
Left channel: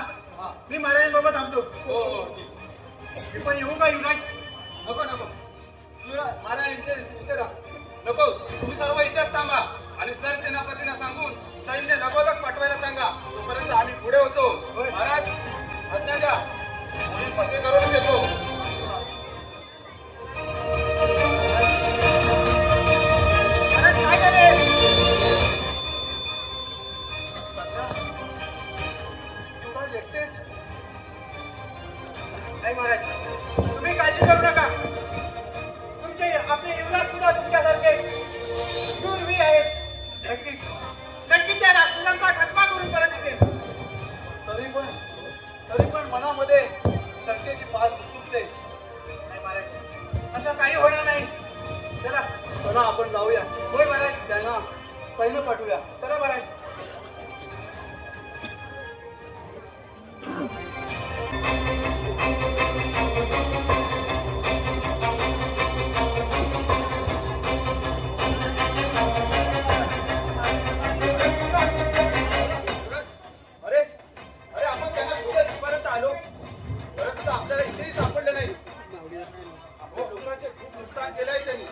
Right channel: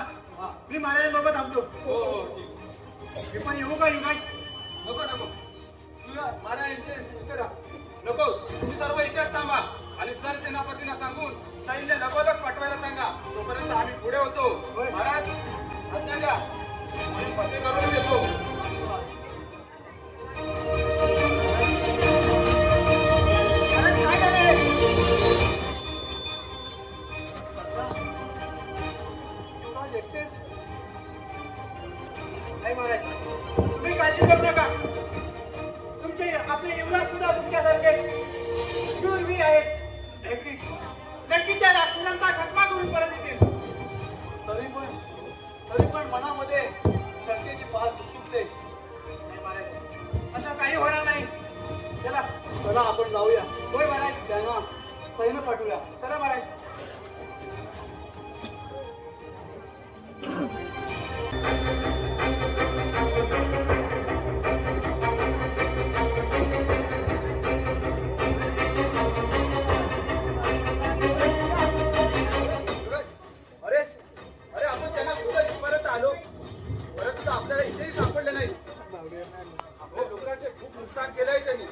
मी महाराजांबरोबर थांबतो. हो हो ठीक. मी पण येऊ का युवराज? नको नको तू महाराज इथे राहा. नको तुम्ही सर्व इथेच थांबा आणि सर सेनापतींना सांगून सैन्य लगोलग पाठवायला सांगा. तोपर्यंत आम्ही पुढे होतो. महाराज आज्ञा द्या. मी फतेकरून येतो. महाराज काय झाले? युवराज एकटेच नाही महाराज. तुम्ही काळजी करू नका. तुमचे आपले युवराज सुद्धा तुमच्यासारखे शूरवीर आहेत. नक्कीच नक्कीच त्या राक्षसांचा खतमा करून परत येतील. तरी पण मनामध्ये शंकेची पाल चुकते. नाही महाराज असं काही होणार नाही. चला. चला आपण जाऊया. होय महाराज. त्यांना सैन्य पाठवूया. चला महाराज. अरे अरे आपण त्यांना शोधत इथपर्यंत आलो. परंतु आपल्याला इथेही सापडले नाही. आपल्या लोकांचे खूप नुकसान केलंय त्यांनी.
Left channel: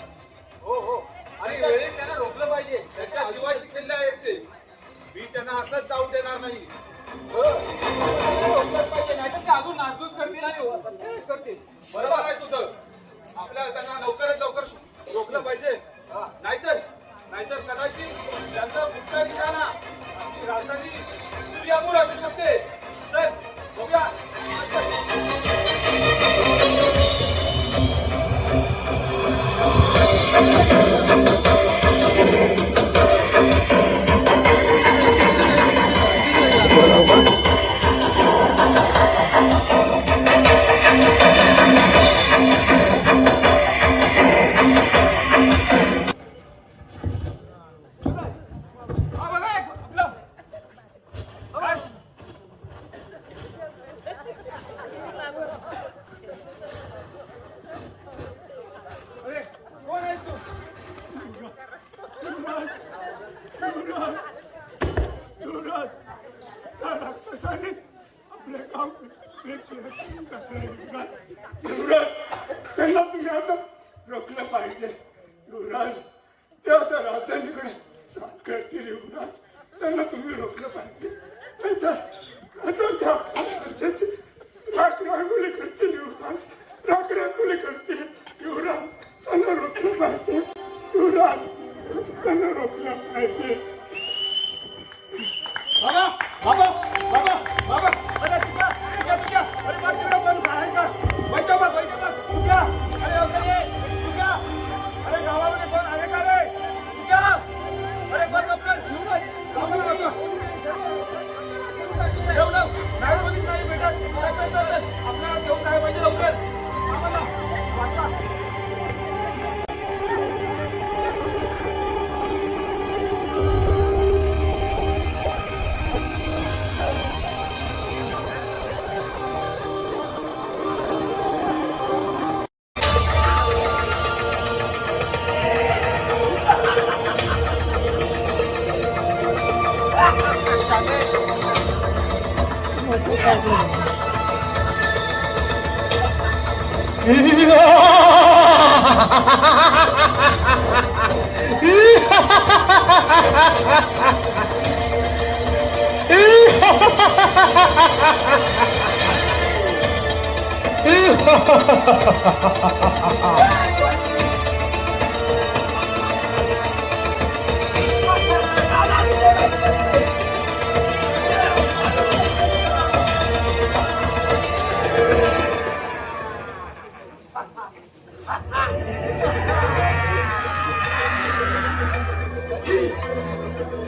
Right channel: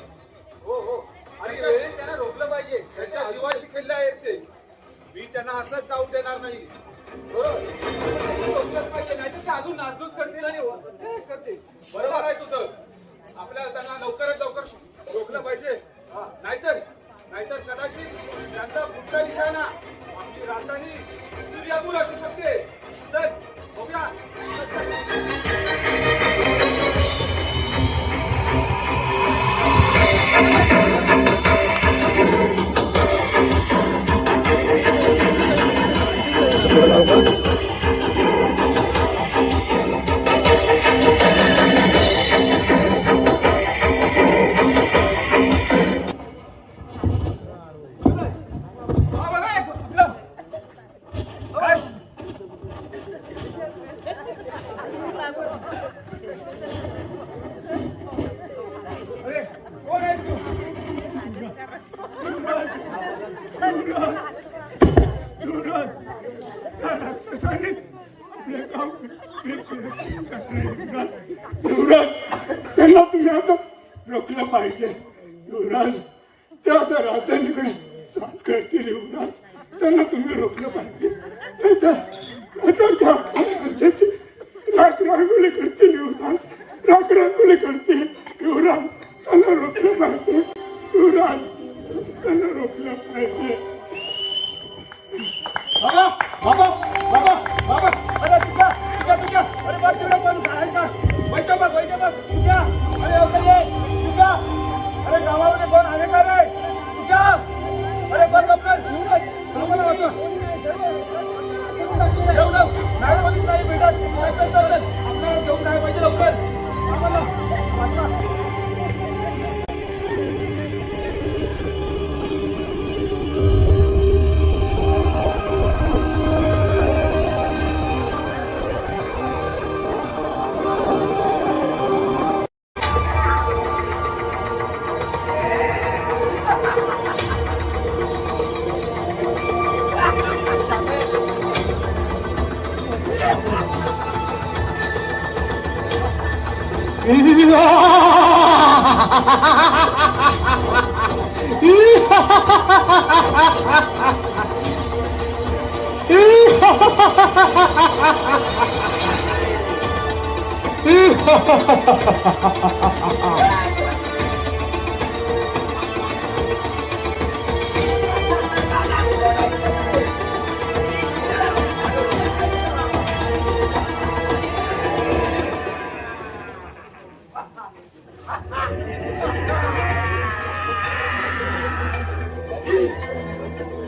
हो हो आणि वेळी त्यांना रोखलं पाहिजे. त्यांच्या जीवाशी खेळले आहेत ते. मी त्यांना असंच जाऊ देणार नाही. हो रोखलंच पाहिजे. नाही तर साधून नासधूस करतील आणि हत्याच करतील. बरोबर आहे तुझं. आपल्याला त्यांना लवकरात लवकर रोखलं पाहिजे. नाहीतर कदाचित त्यांचा पुढचा निशाणा आपली राजधानी सूर्यापूर असू शकते. चल बघूया. हा बघा आपलं काय? अरे कोण आहे तू? युवराज, त्या राक्षसाने आपले गाव युवराज, त्यांना तुम्ही आता रोखलं पाहिजे. युवराज, ते आता राजधानीकडे चाल करतील. युवराज, त्यांना तुम्ही रोखलं पाहिजे. रागरांगोली करतील. युवराज, रागरांगोली करतील. युवराज, त्यांना रोखलं पाहिजे. युवराज, त्यांना रोखलं पाहिजे. बाबा बाबा बाबा बाबा अरे तुझ्या अरे बघ तुझ्या पण आहे का बैठो बघ तुझ्या अरे लवकर ये तुझ्या अरे गावामध्ये कोण आहे का रे तुझ्या अरे बघ लवकर गावाला वाचवा एवढं नाही पोलीस नाही भेटत चल आपल्याला घेऊन काय पाहिजे लवकर गावाला वाचवा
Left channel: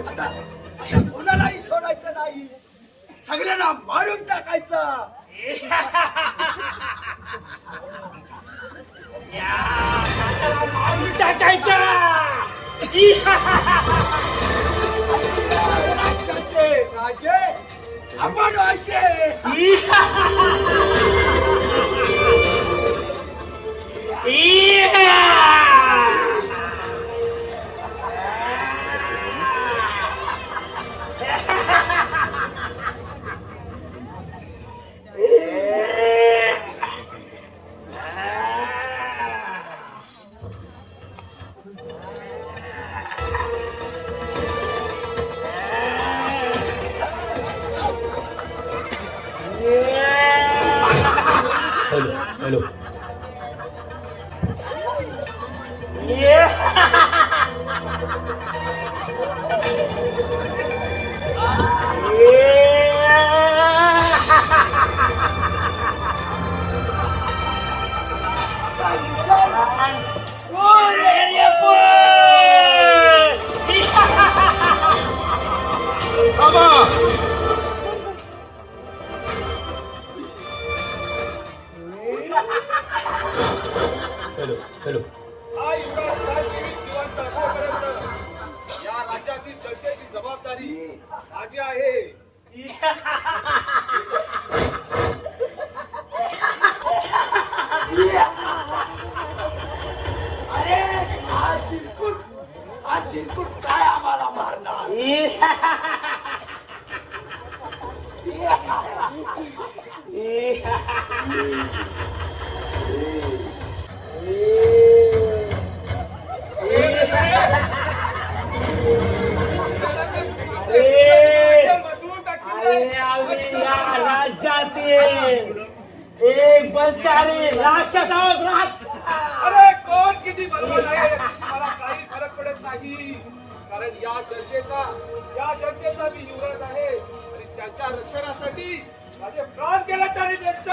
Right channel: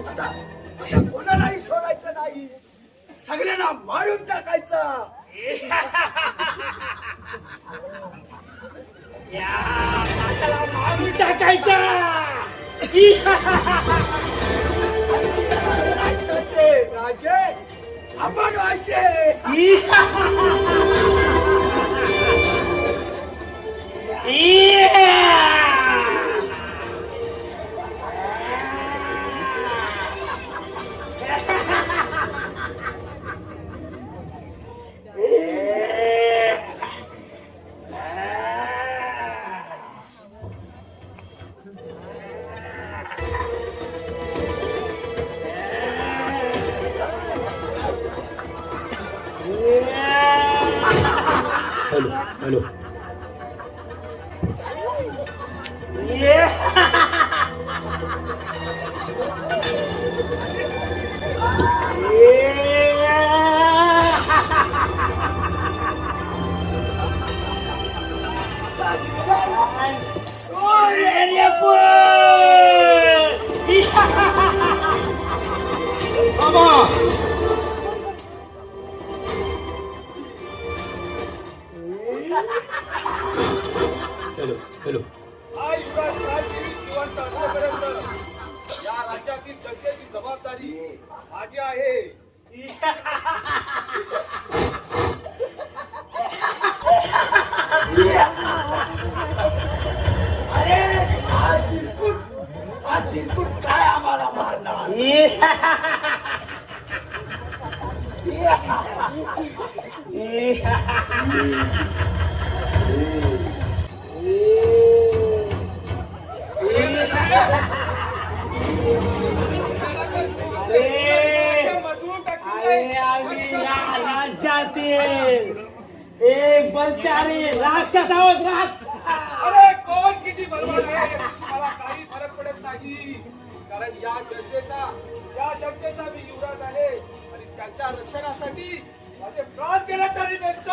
आता कोणालाही सोडायचं नाही, सगळ्यांना मारून टाकायचं. या नाताला मारून टाकायचं. राज्याचे राजे आपण व्हायचे. हॅलो हॅलो हा युवराज राजकीय जिवंत असेपर्यंत या राज्यातील जनतेची जबाबदारी माझी आहे. हा चिरकुट काय आम्हाला मारणार. एक बलचारी राक्षस आहोत अरे कोण किती बलवान आहे याच्याशी मला काही फरक पडत नाही, कारण या जनतेचा मी युवराज आहे आणि त्यांच्या रक्षणासाठी माझे प्राण गेले तरी बेस्ट.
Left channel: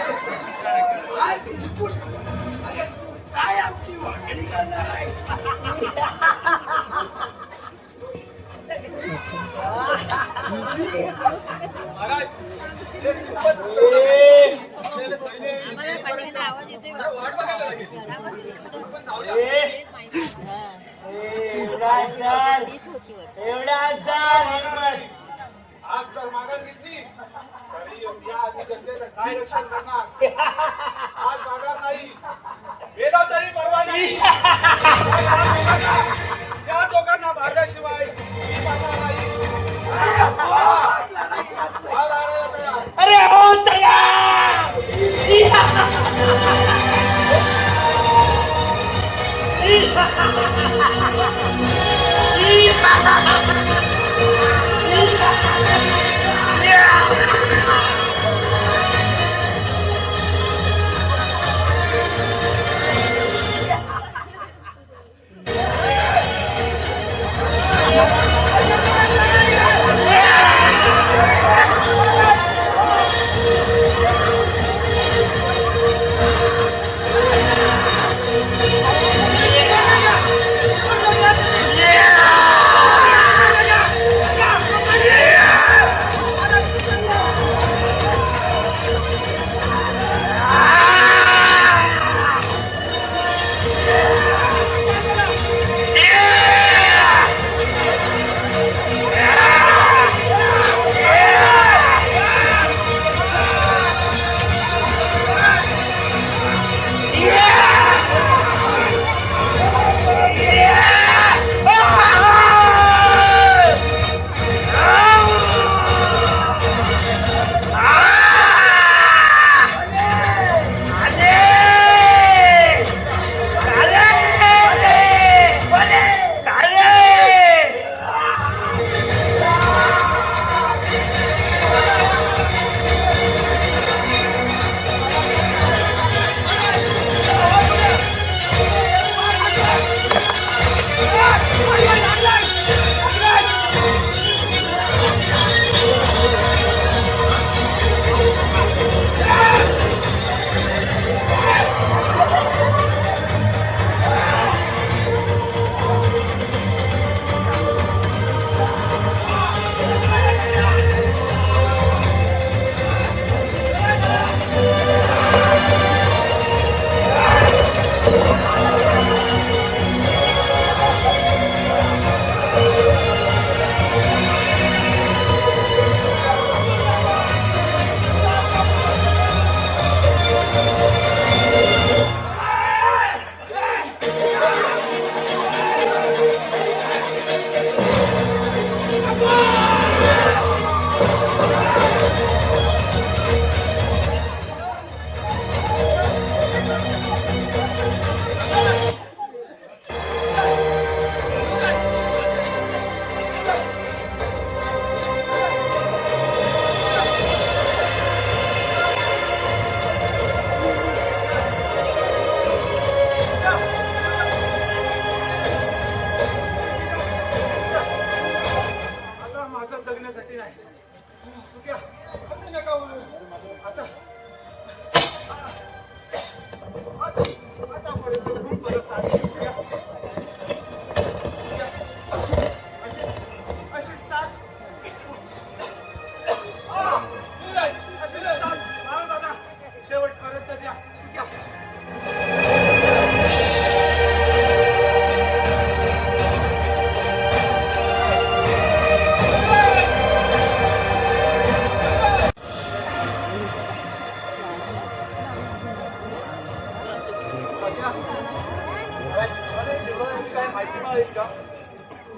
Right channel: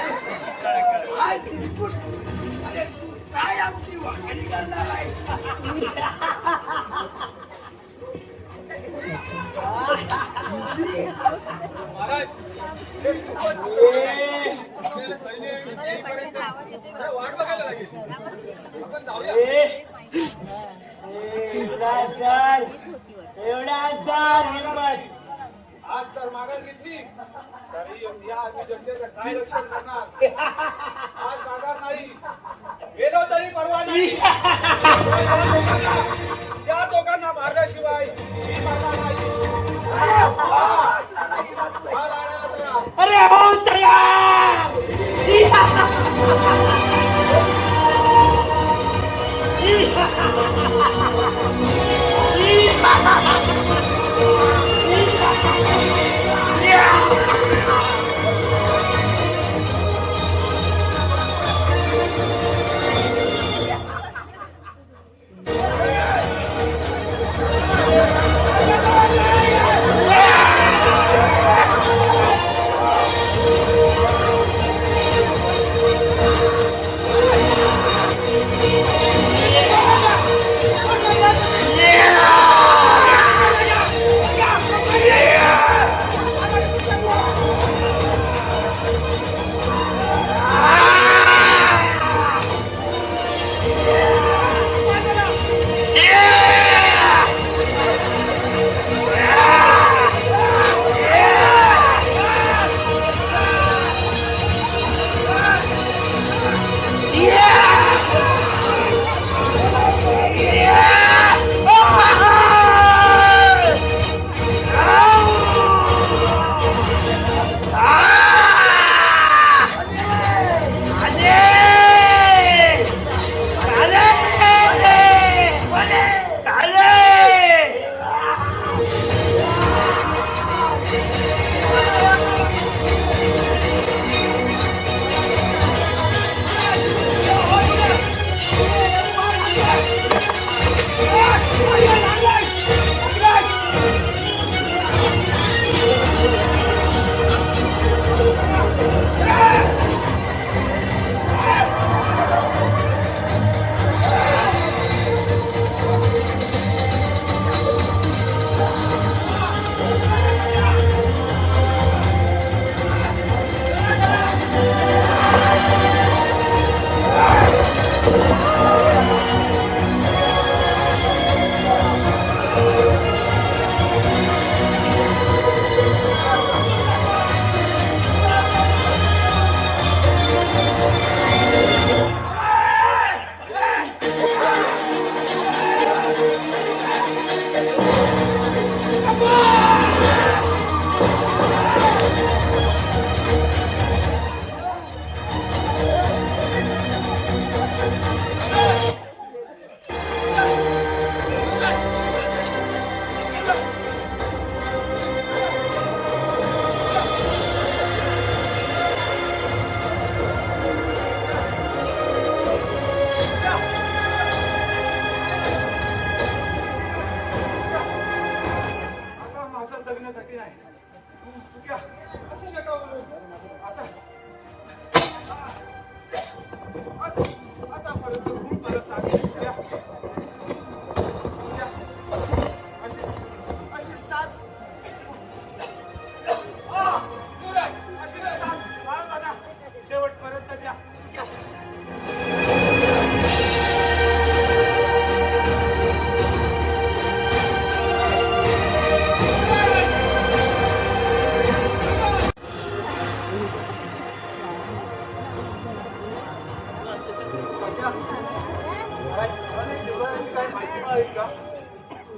काय चिरकुट? अरे तू काय आमची वाकडी करणार आहेस? महाराज वाट बघायला लागेल. आपण जाऊया. माघार नाही. आज जर माघार घेतली तरी या आधी जनतेचं काय रक्षण करणार? आज माघार नाही. गेलो तरी परवा नाही. या दोघांना मारल्याशिवाय मी मरणार नाही. अरे हो तयार!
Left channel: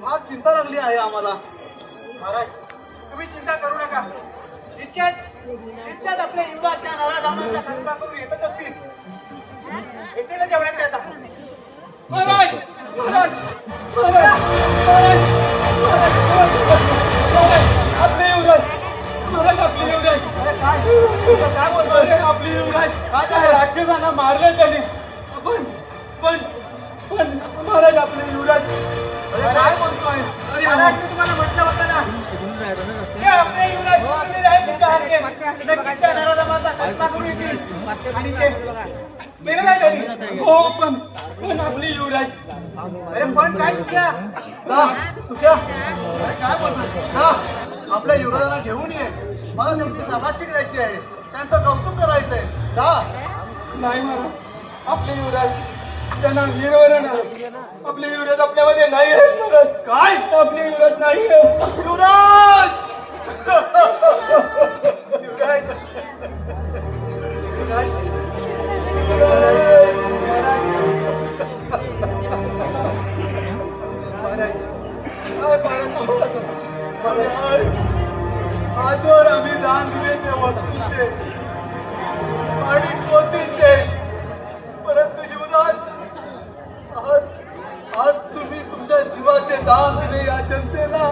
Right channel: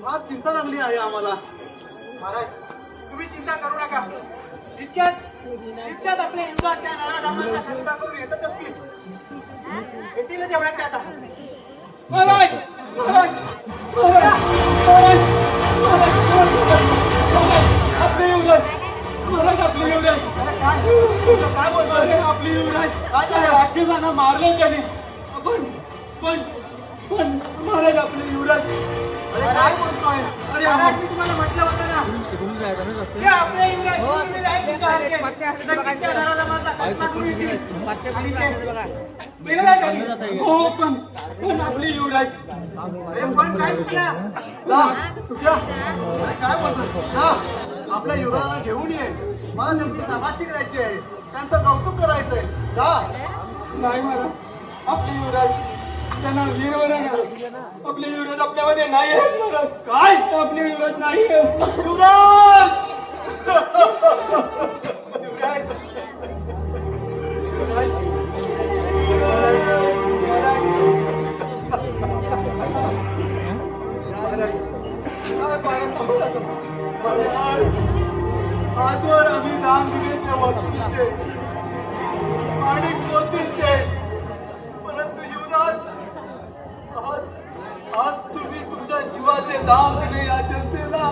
फार चिंता लागली आहे आम्हाला. महाराज तुम्ही चिंता करू नका. इतक्यात आपल्या युवा त्या नराधामाच्या खडकातून येतच असतील. येतील जेवढ्यात त्याचा महाराज महाराज आपले युवराज महाराज आपले युवराज काय बोलतोय आपले युवराज राक्षसांना युवराज. अरे काय बोलतोय? अरे महाराज, मी तुम्हाला म्हटलं होतं ना की आपले युवराज शूरवीर आहेत तुमच्यासारखे. नक्कीच त्या घराला माझा खटका करून येतील. मेलं नाही त्यांनी. हो पण आपली युवराज. अरे पण काय केलं? आपल्या युवराला घेऊन ये. मला त्यांची शाबासकी द्यायची आहे, त्यांचं कौतुक करायचंय. नाही महाराज, आपले युवराज त्यांना वीरवर आपले युवराज आपल्यामध्ये नाही आहेत महाराज. काय आपले युवराज नाही आहेत. युवराज आजवर आम्ही दान दिले ते वस्तूचे आणि मोतीचे, परंतु युवराज आज तुम्ही तुमच्या जीवाचे दान दिले या जनतेला.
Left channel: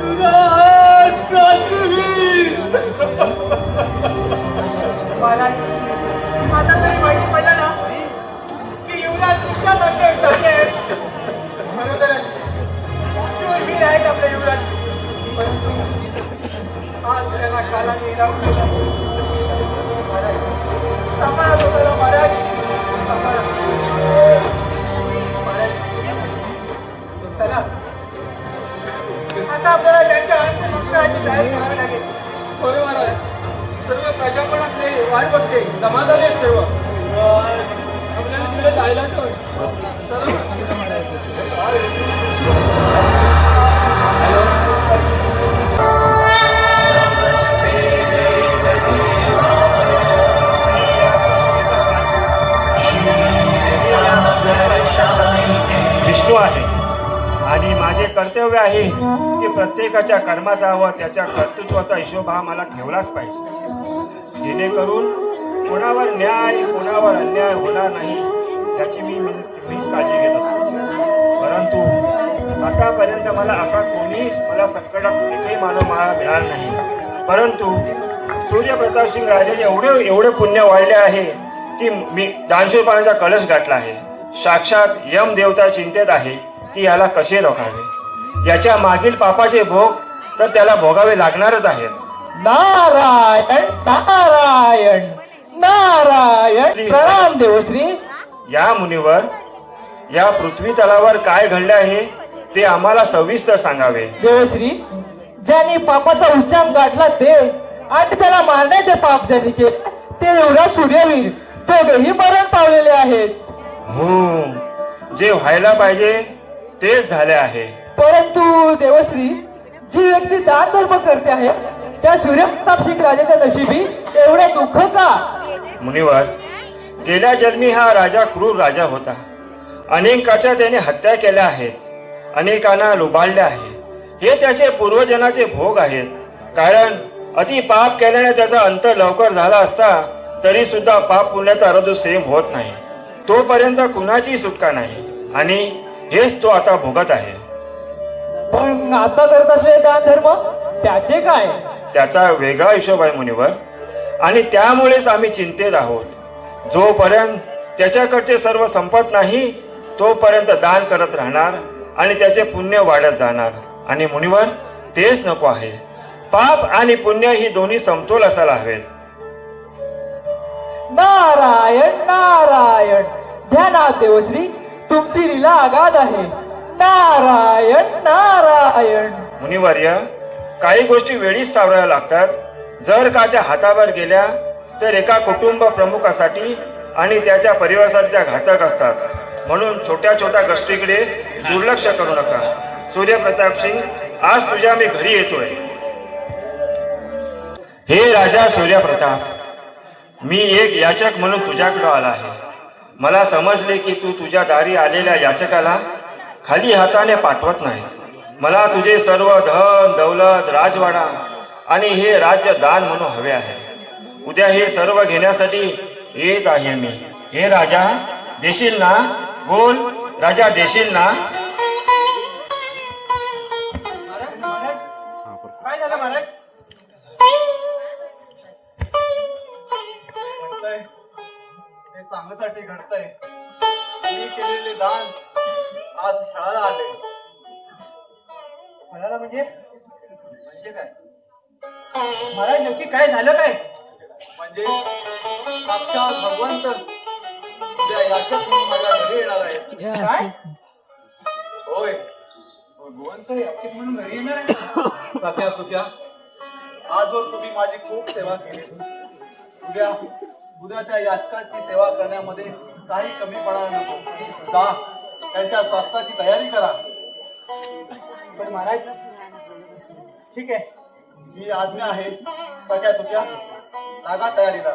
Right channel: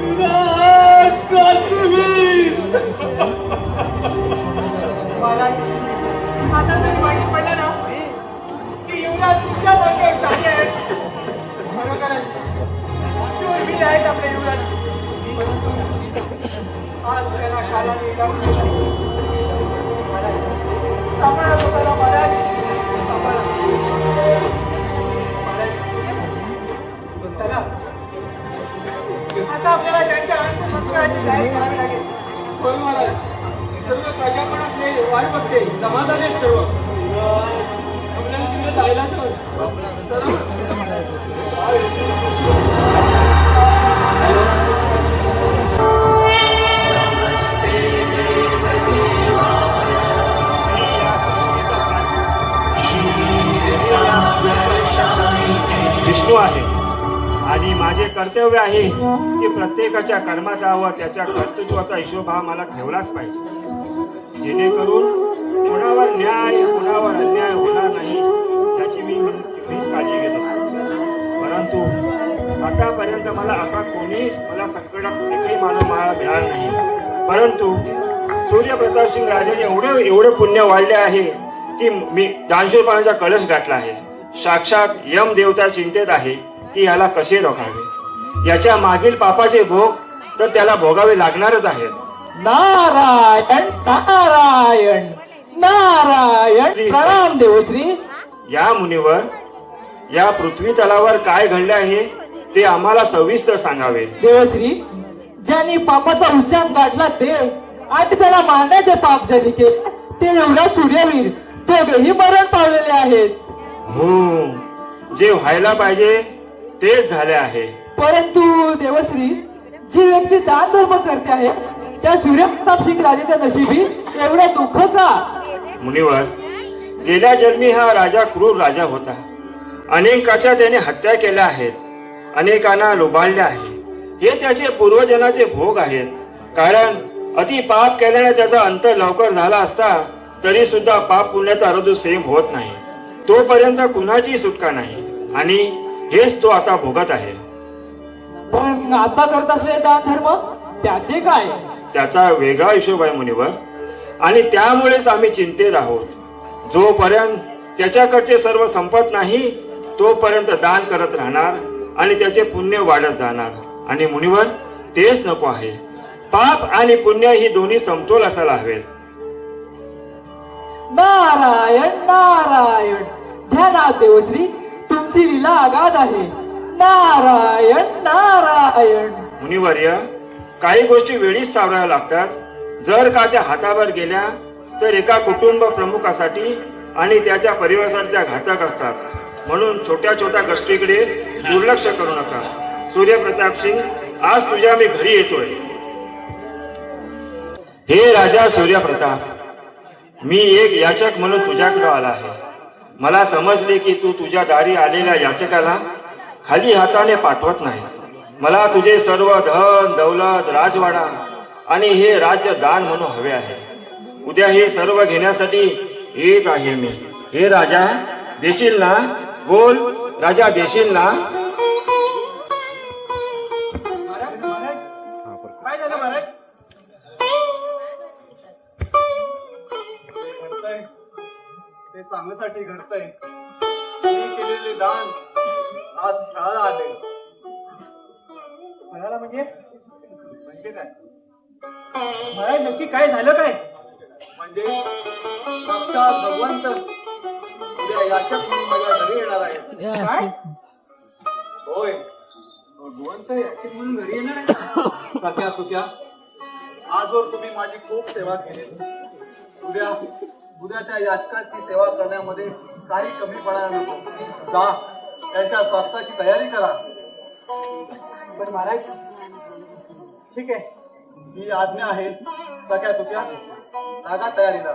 युवराज क्रांतीवीर. महाराज, आता तरी माहिती पडलं ना की युवराज तुमच्यासारखे धन्य आहेत. बरोबर आहे. शूरवीर आहेत आपले युवराज. आज त्यांना कालाने जाऊन सांभाळा स्वतःला महाराज. सांभाळा. महाराज, चला आता आपल्याला त्यांच्या अंतिम करायची तयारी करावी लागेल. होय महाराज, सर्व प्रजा पण आपली वाट बघते. समाधान आहे सर्व. आपल्याला तिकडे जायला तर विष्णू आहे आणि माझे कर्तव्य आहे की प्रत्येकाच्या कर्माचा व त्याच्या कर्तृत्वाचा हिशोब हा मला ठेवलाच पाहिजे, जेणेकरून कोणावर न्याय कोणावर अन्याय होणार नाही याची मीच काळजी घेत असतो. परंतु आतापर्यंत मला असा कोणीच मला संकटात एकही मानव मिळाला नाही. परंतु सूर्यप्रताप सिंग राजाने एवढे पुण्य वाढले आहे की मी दानशूरपणाचा कलश गाठला आहे. साक्षात यम देवता चिंतेत आहे की याला कसे रोखावे. याच्या मागील पापाचे भोग तर त्याला भोगावे लागणारच आहेत. नारायण नारायण नारायण. प्रणाम देवश्री. या मुनीवर या पृथ्वी तलावर काय घडले आहे ते आम्हाला सविस्तर सांगावे. देवश्री, ज्यांनी पापाचा उच्चांक गाठला देव आणि त्याला मारण्याचे पाप ज्यांनी केले ते युवराज सूर्यवीर दोघेही मरण पावलेले आहेत. जे व्हायला पाहिजे तेच झाले आहे. परंतु देवश्री, जी व्यक्ती दान धर्म करते आहे त्या सूर्यप्रताप सिंग राजाच्या नशिबी एवढे दुःख का? मुनिवर, गेल्या जन्मी हा राजा क्रूर राजा होता. अनेकाच्या त्याने हत्या केल्या आहेत, अनेकांना लुबाडले आहे. हे त्याचे पूर्वजनाचे भोग आहेत. कारण अति पाप केल्याने त्याचा अंत लवकर झाला असता तरी सुद्धा पाप पुण्याचा रद सेम होत नाही. तोपर्यंत कुणाची सुटका नाही आणि हेच तो आता भोगत आहे. पण आता करत असलेले दान धर्म त्याचे काय? त्याचा वेगळा हिशोब आहे मुनिवर, आणि त्यामुळेच आम्ही चिंतेत आहोत. जोपर्यंत त्याच्याकडचे सर्व संपत नाही तोपर्यंत दान करत राहणार आणि त्याचे पुण्य वाढत जाणार. आणि मुनिवर, तेच नको आहे. पाप आणि पुण्य ही दोन्ही समतोल असायला हवेत. नारायण नारायण. ध्यानात देवश्री, तुमची लीला आगाध आहे. नारायण नारायण. मुनिवर्य, काही गोष्टी वेळीच सावराव्या लागतात. जर का त्या हातावर गेल्या तर एका कुटुंब प्रमुखासाठी आणि त्याच्या परिवारासाठी त्या घातक असतात. म्हणून छोट्या छोट्या गोष्टीकडे दुर्लक्ष करू नका. सूर्यप्रताप सिंग, आज तुझ्या मी घरी येतोय. हे राजा सूर्यप्रताप, मी एक याचक म्हणून तुझ्याकडे आला आहे. मला समजले की तू तुझ्या दारी आलेल्या याचकाला खाली हाताने पाठवत नाहीस. मला तुझे सर्व धन दौलत राजवाडा आणि हे राज्य दान म्हणून हवे आहे. उद्या हे सर्व घेण्यासाठी येत आहे मी. हे राजा, देशील ना? बोल राजा, देशील ना? काय झालं महाराज? घडतंय ते चांगल्यासाठी घडतंय. म्हणजे काय महाराज नक्की काय झालं काय? म्हणजे साक्षात भगवंत उद्या याच्यात म्हणून माझ्या घरी येणार आहे. काय होय, भगवंत याचे म्हणून घरी येणार? सख्या तुक्या, आजवर तुम्ही माझी खूप सेवा केली. उद्या त्या याचकाची सेवा करण्यामध्ये काही कमी पडणार नको. जा, त्यांच्या स्वास्थ्याची तयारी करा. पण महाराज ठीक आहे, ही आज्ञा आहे. सख्या तुक्या, लागा तयारीला.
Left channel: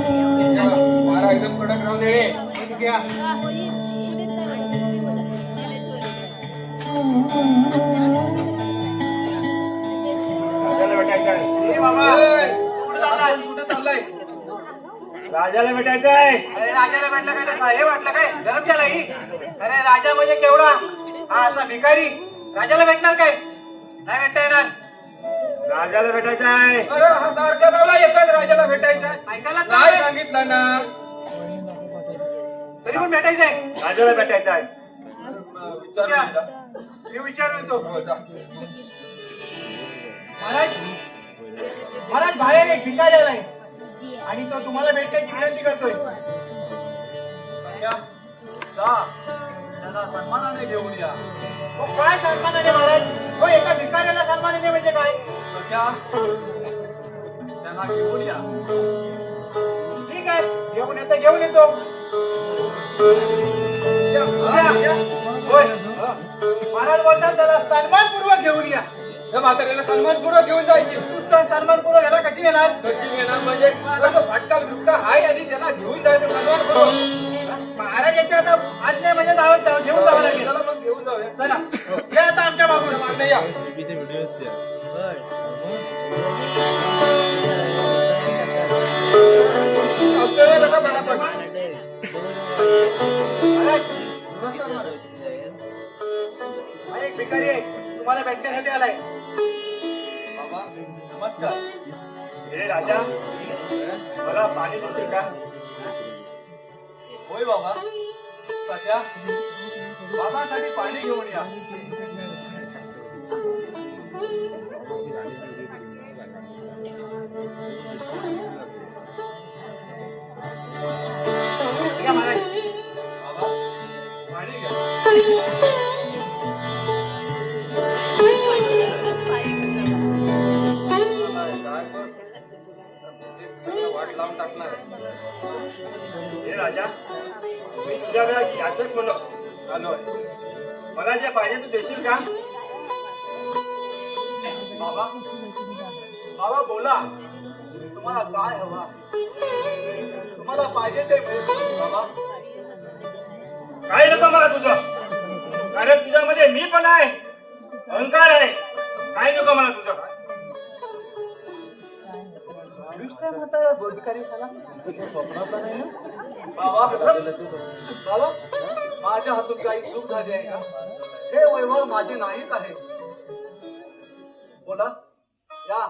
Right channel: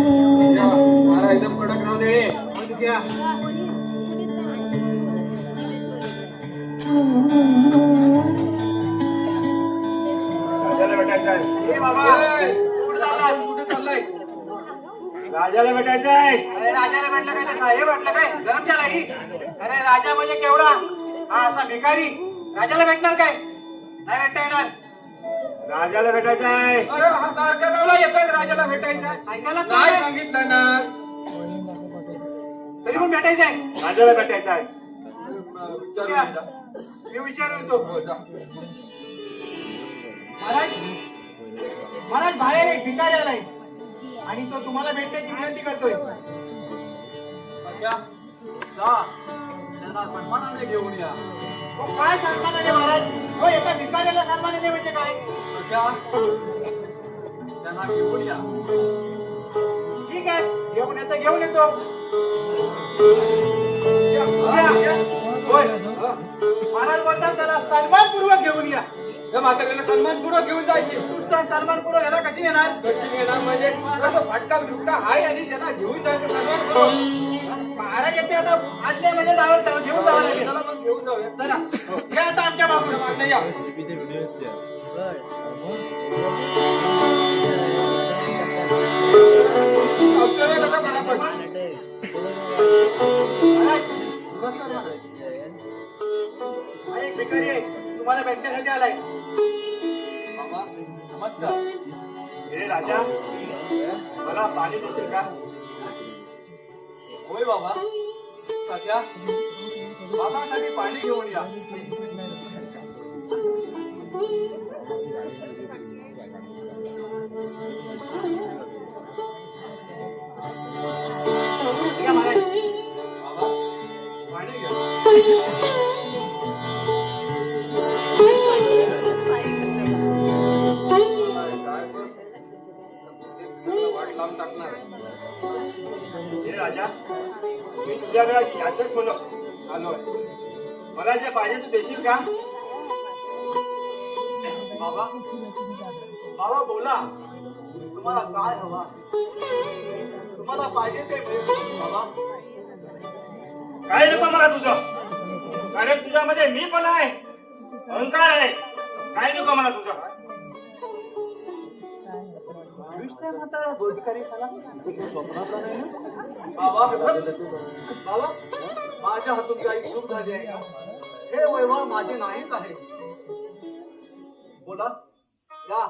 मारा एकदम कडक राहू दे. ठीक आहे. राजाला भेटायचं आहे. ए बाबा ए, कुठं चाललाय? कुठं चाललंय? राजाला भेटायचं आहे. अरे राजाला भेटलं काय? त्याचं हे वाटलं काय? गरम झाला ही? अरे राजा म्हणजे केवढा हा असा भिकारी राजाला भेटणार काय? नाही भेटता येणार. राजाला भेटायचं आहे. अरे हा सारखा गावला एकाच राजाला भेटायचं आहे. ऐकायला तर नाही नाही. सांगितलं ना. तरी पण भेटायचंय. राजाला भेटायचं आहे. क्या? मी विचारू येतो. महाराज महाराज बाहेर एक भिकारी आलाय आणि तो तुम्हाला भेटण्याची विनंती करतोय. सख्या, जा, त्यांना सन्मानाने घेऊन या. हो, काय सन्मानाने महाराज? हो एका भिकाऱ्याला सन्मानाने म्हणजे काय? सख्या, त्यांना घेऊन या. ठीक आहे, घेऊन येतो घेऊन येतो. होय. महाराज बोलतात त्याला सन्मानपूर्वक घेऊन या. त्या म्हाताऱ्याला सन्मानपूर्वक घेऊन जायचे. तू सन्मानपूर्वक याला कशी नेणार? कशी येणार म्हणजे तो फाटका मुटका आहे आणि त्याला घेऊन जायचं सन्मानपूर्वक. महाराजाच्या आता आज्ञा म्हणजे जावं घेऊन जावं लागेल. चला मग घेऊन जाऊया. चला या आता आमच्या बाबूला. मागणं या. अवतळे नका पटापट. हा एक भिकारी आहे, तुम्हाला भेटण्यासाठी आलाय. बाबा, नमस्कार. हे राजा, मला पाणी देशील का? होय बाबा. सख्या, बाबासाठी पाणी घेऊन या. या महाराज. बाबा, पाणी घ्या. वाट लावून टाकणार. हे राजा, मी तुझ्याकडे याचक म्हणून आलोय. मला जे पाहिजे तू देशील का? बाबा, बाबा बोला. तुम्हाला काय हवा? तुम्हाला पाहिजे ते मिळेल. बाबा, काय नको मला तुझं, कारण तुझ्यामध्ये मी पण आहे, अहंकार आहे. काय नको मला तुझं. बाबा, बाबा, माझ्या हातून काही चूक झाली आहे का? हे वैभव माझे नाहीच आहे. बोला, या.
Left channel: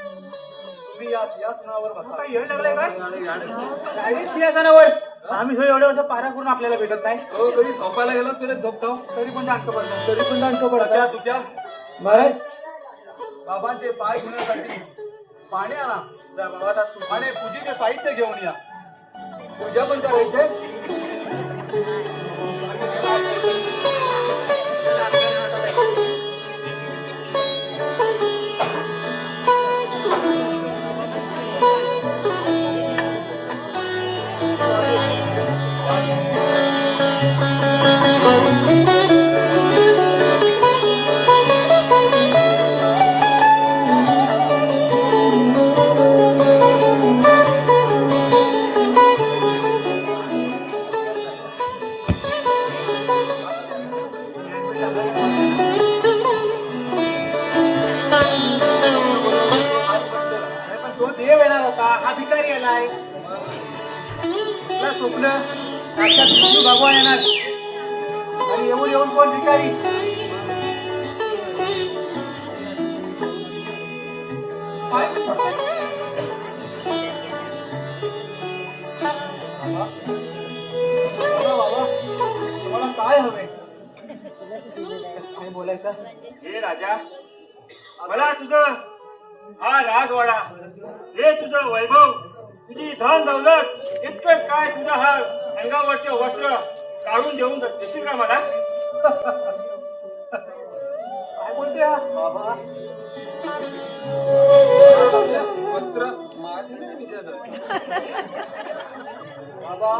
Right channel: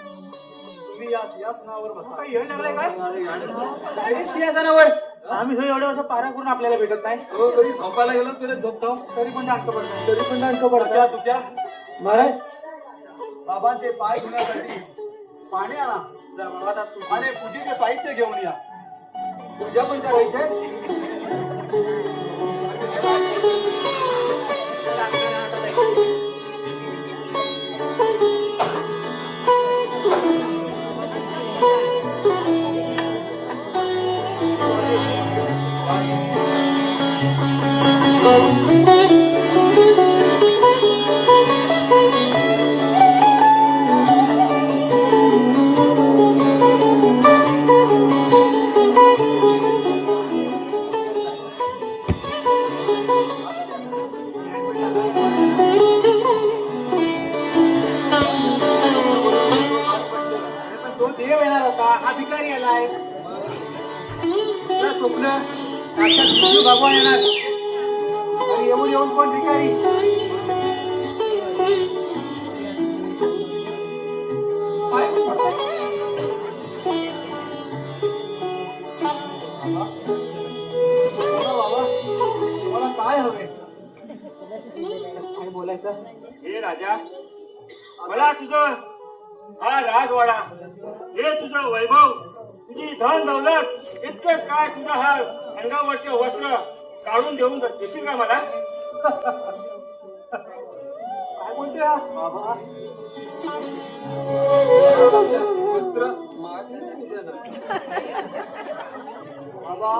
तुम्ही या सिंहासनावर बसा. काय येऊ लागलाय काय? काही सिंहासनावर आम्ही जो एवढं वर्ष पारा करून आपल्याला भेटत नाही. हो तरी झोपायला गेलो तरी झोपतो. तरी पण जाणतो पडतो. तरी पण जाणतो सख्या, तुझ्या महाराज बाबांचे पाय धुण्यासाठी पाणी आणा. जा बाबा आता तू. आणि पूजेचे साहित्य घेऊन या. पूजा पण करायचे. आहे तुला स्वप्न आजच्या दिवशी भगवान येणार आणि येऊन येऊन कोण भिकारी तुम्हाला काय हवे काय बोलायचं हे राजा मला तुझं हा राजवाडा हे तुझं वैभव तुझी धन दौलत इतकंच काय तुझं हा अंगावरचे वस्त्र काढून देऊन देशील का मला काय बोलते हा? वस्त्र माझे नाही देणार. बाबा.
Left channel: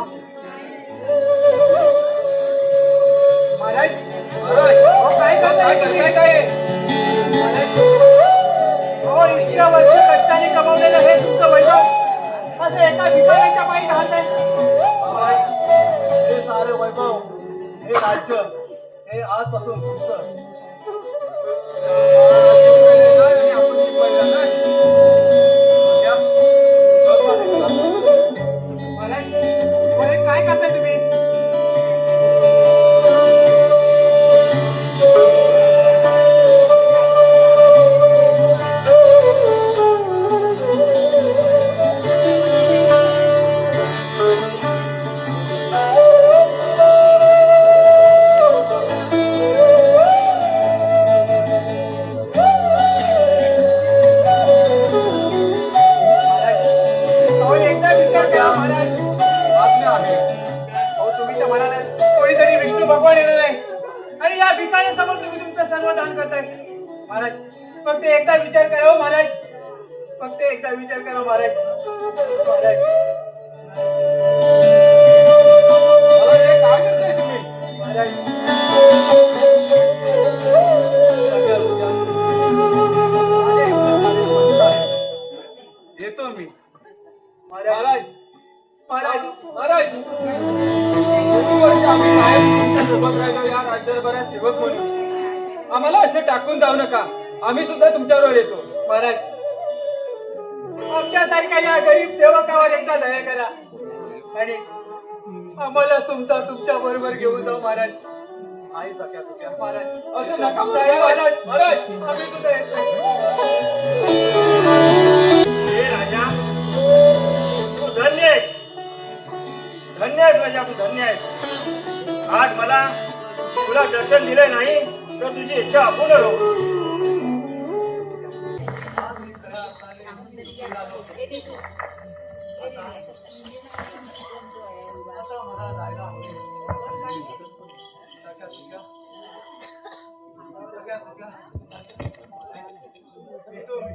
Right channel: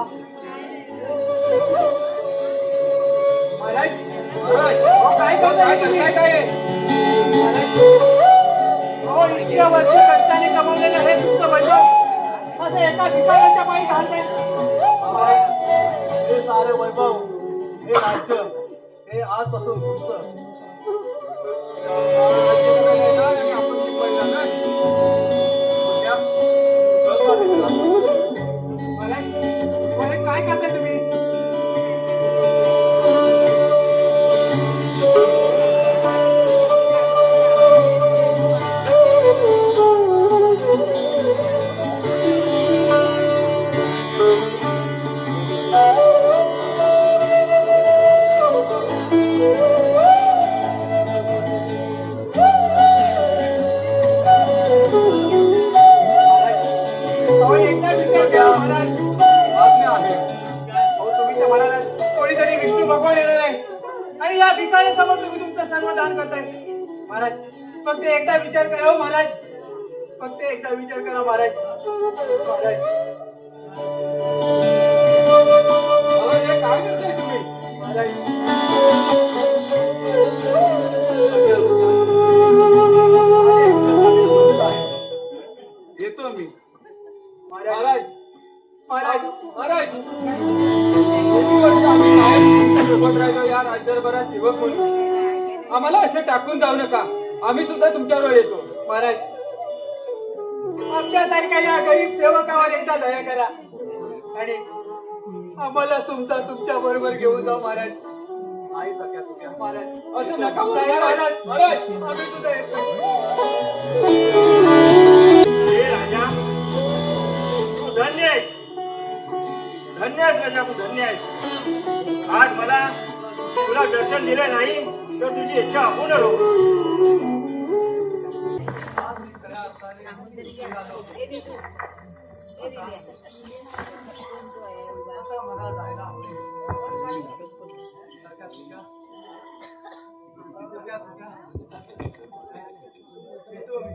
महाराज महाराज, अहो, काय करताय तुम्ही? काय महाराज, अहो, इतक्या वर्ष कष्टाने कमवलेलं हे तुमचं वैभव असं एका भिकाऱ्याच्या पायी घालताय हे सारे वैभव हे राज्य हे आजपासून तुमचं महाराज महाराज, काय करताय तुम्ही अहो, एकदा विचार करा महाराज आज्ञा आहे अहो, तुम्ही तर म्हणाला कोणीतरी विष्णू भगवान येणार आहे आणि या भिकाऱ्यासमोर तुम्ही तुमचं सर्व दान करताय महाराज फक्त एकदा विचार करा हो महाराज फक्त एकदा विचार करा महाराज महाराज काय करताय तुम्ही महाराज येतो मी महाराज महाराज महाराज महाराज किती वर्ष आम्ही बाहेर सेवक राहिलो या राज्यभरात सेवक म्हणून आम्हाला असे टाकून जाऊ नका आम्ही सुद्धा तुमच्याबरोबर येतो महाराज आमच्यासारख्या या गरीब सेवकावर एकदा दया करा आणि आम्हाला तुमचा तुमच्या बरोबर घेऊन जाऊ महाराज आई सख्या तुझ्या महाराज असं नका महाराज महाराज आम्ही सुद्धा येतो हे राजा तू धन्य आहेस राजा तू धन्य आहेस आज मला तुला दर्शन दिले नाही तर तुझी इच्छा अपूर्ण हो आज मी खऱ्या अर्थाने निघालो. आता मला जायला हवे सख्या तुझ्या सख्या तुझ्या येतो मी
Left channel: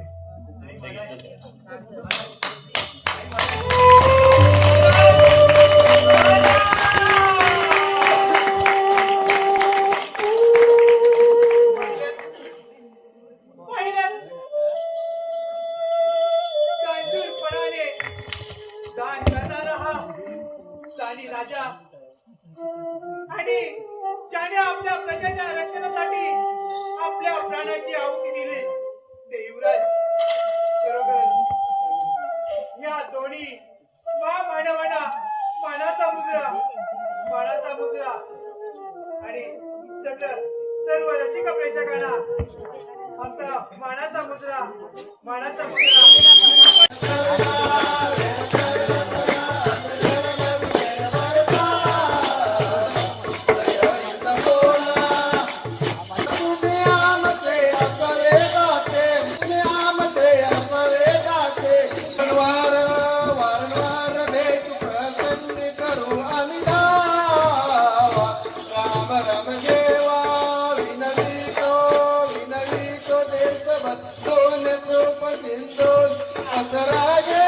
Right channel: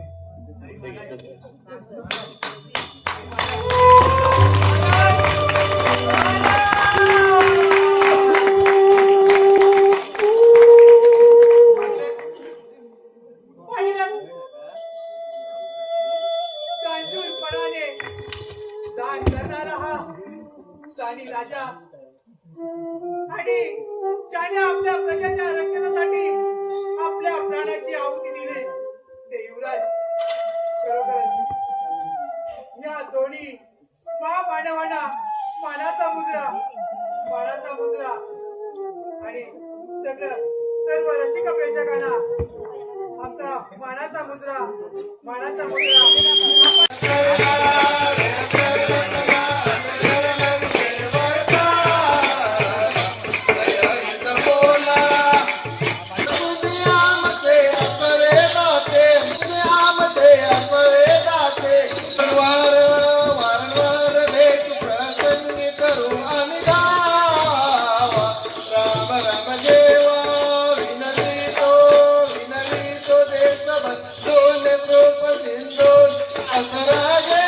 दानशूरपणाने दान करणारा हा दानी राजा आणि ज्याने आपल्या प्रजेच्या रक्षणासाठी आपल्या प्राणाची आहुती दिली ते युवराज खरोखरच या दोन्ही महामानवांना मानाचा मुद्रा आणि सर्व रसिक प्रेक्षकांना आमचा मानाचा मुद्रा असराजे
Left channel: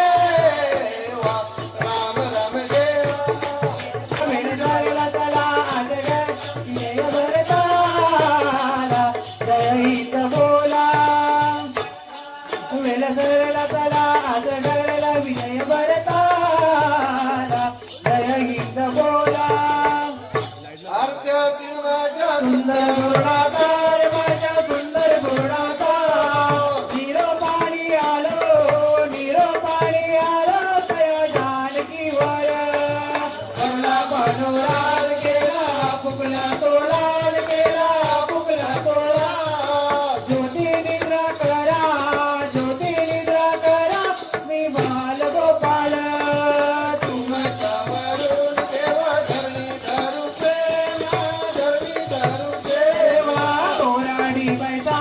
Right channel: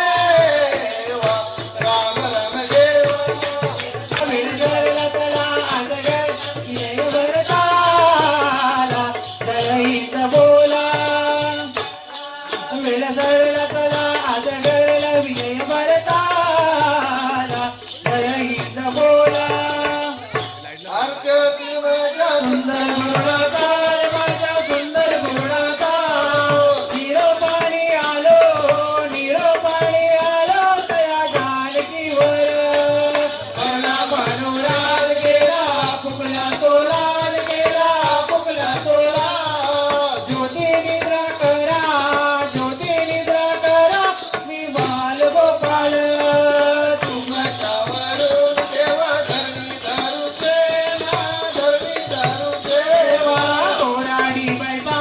साहेबा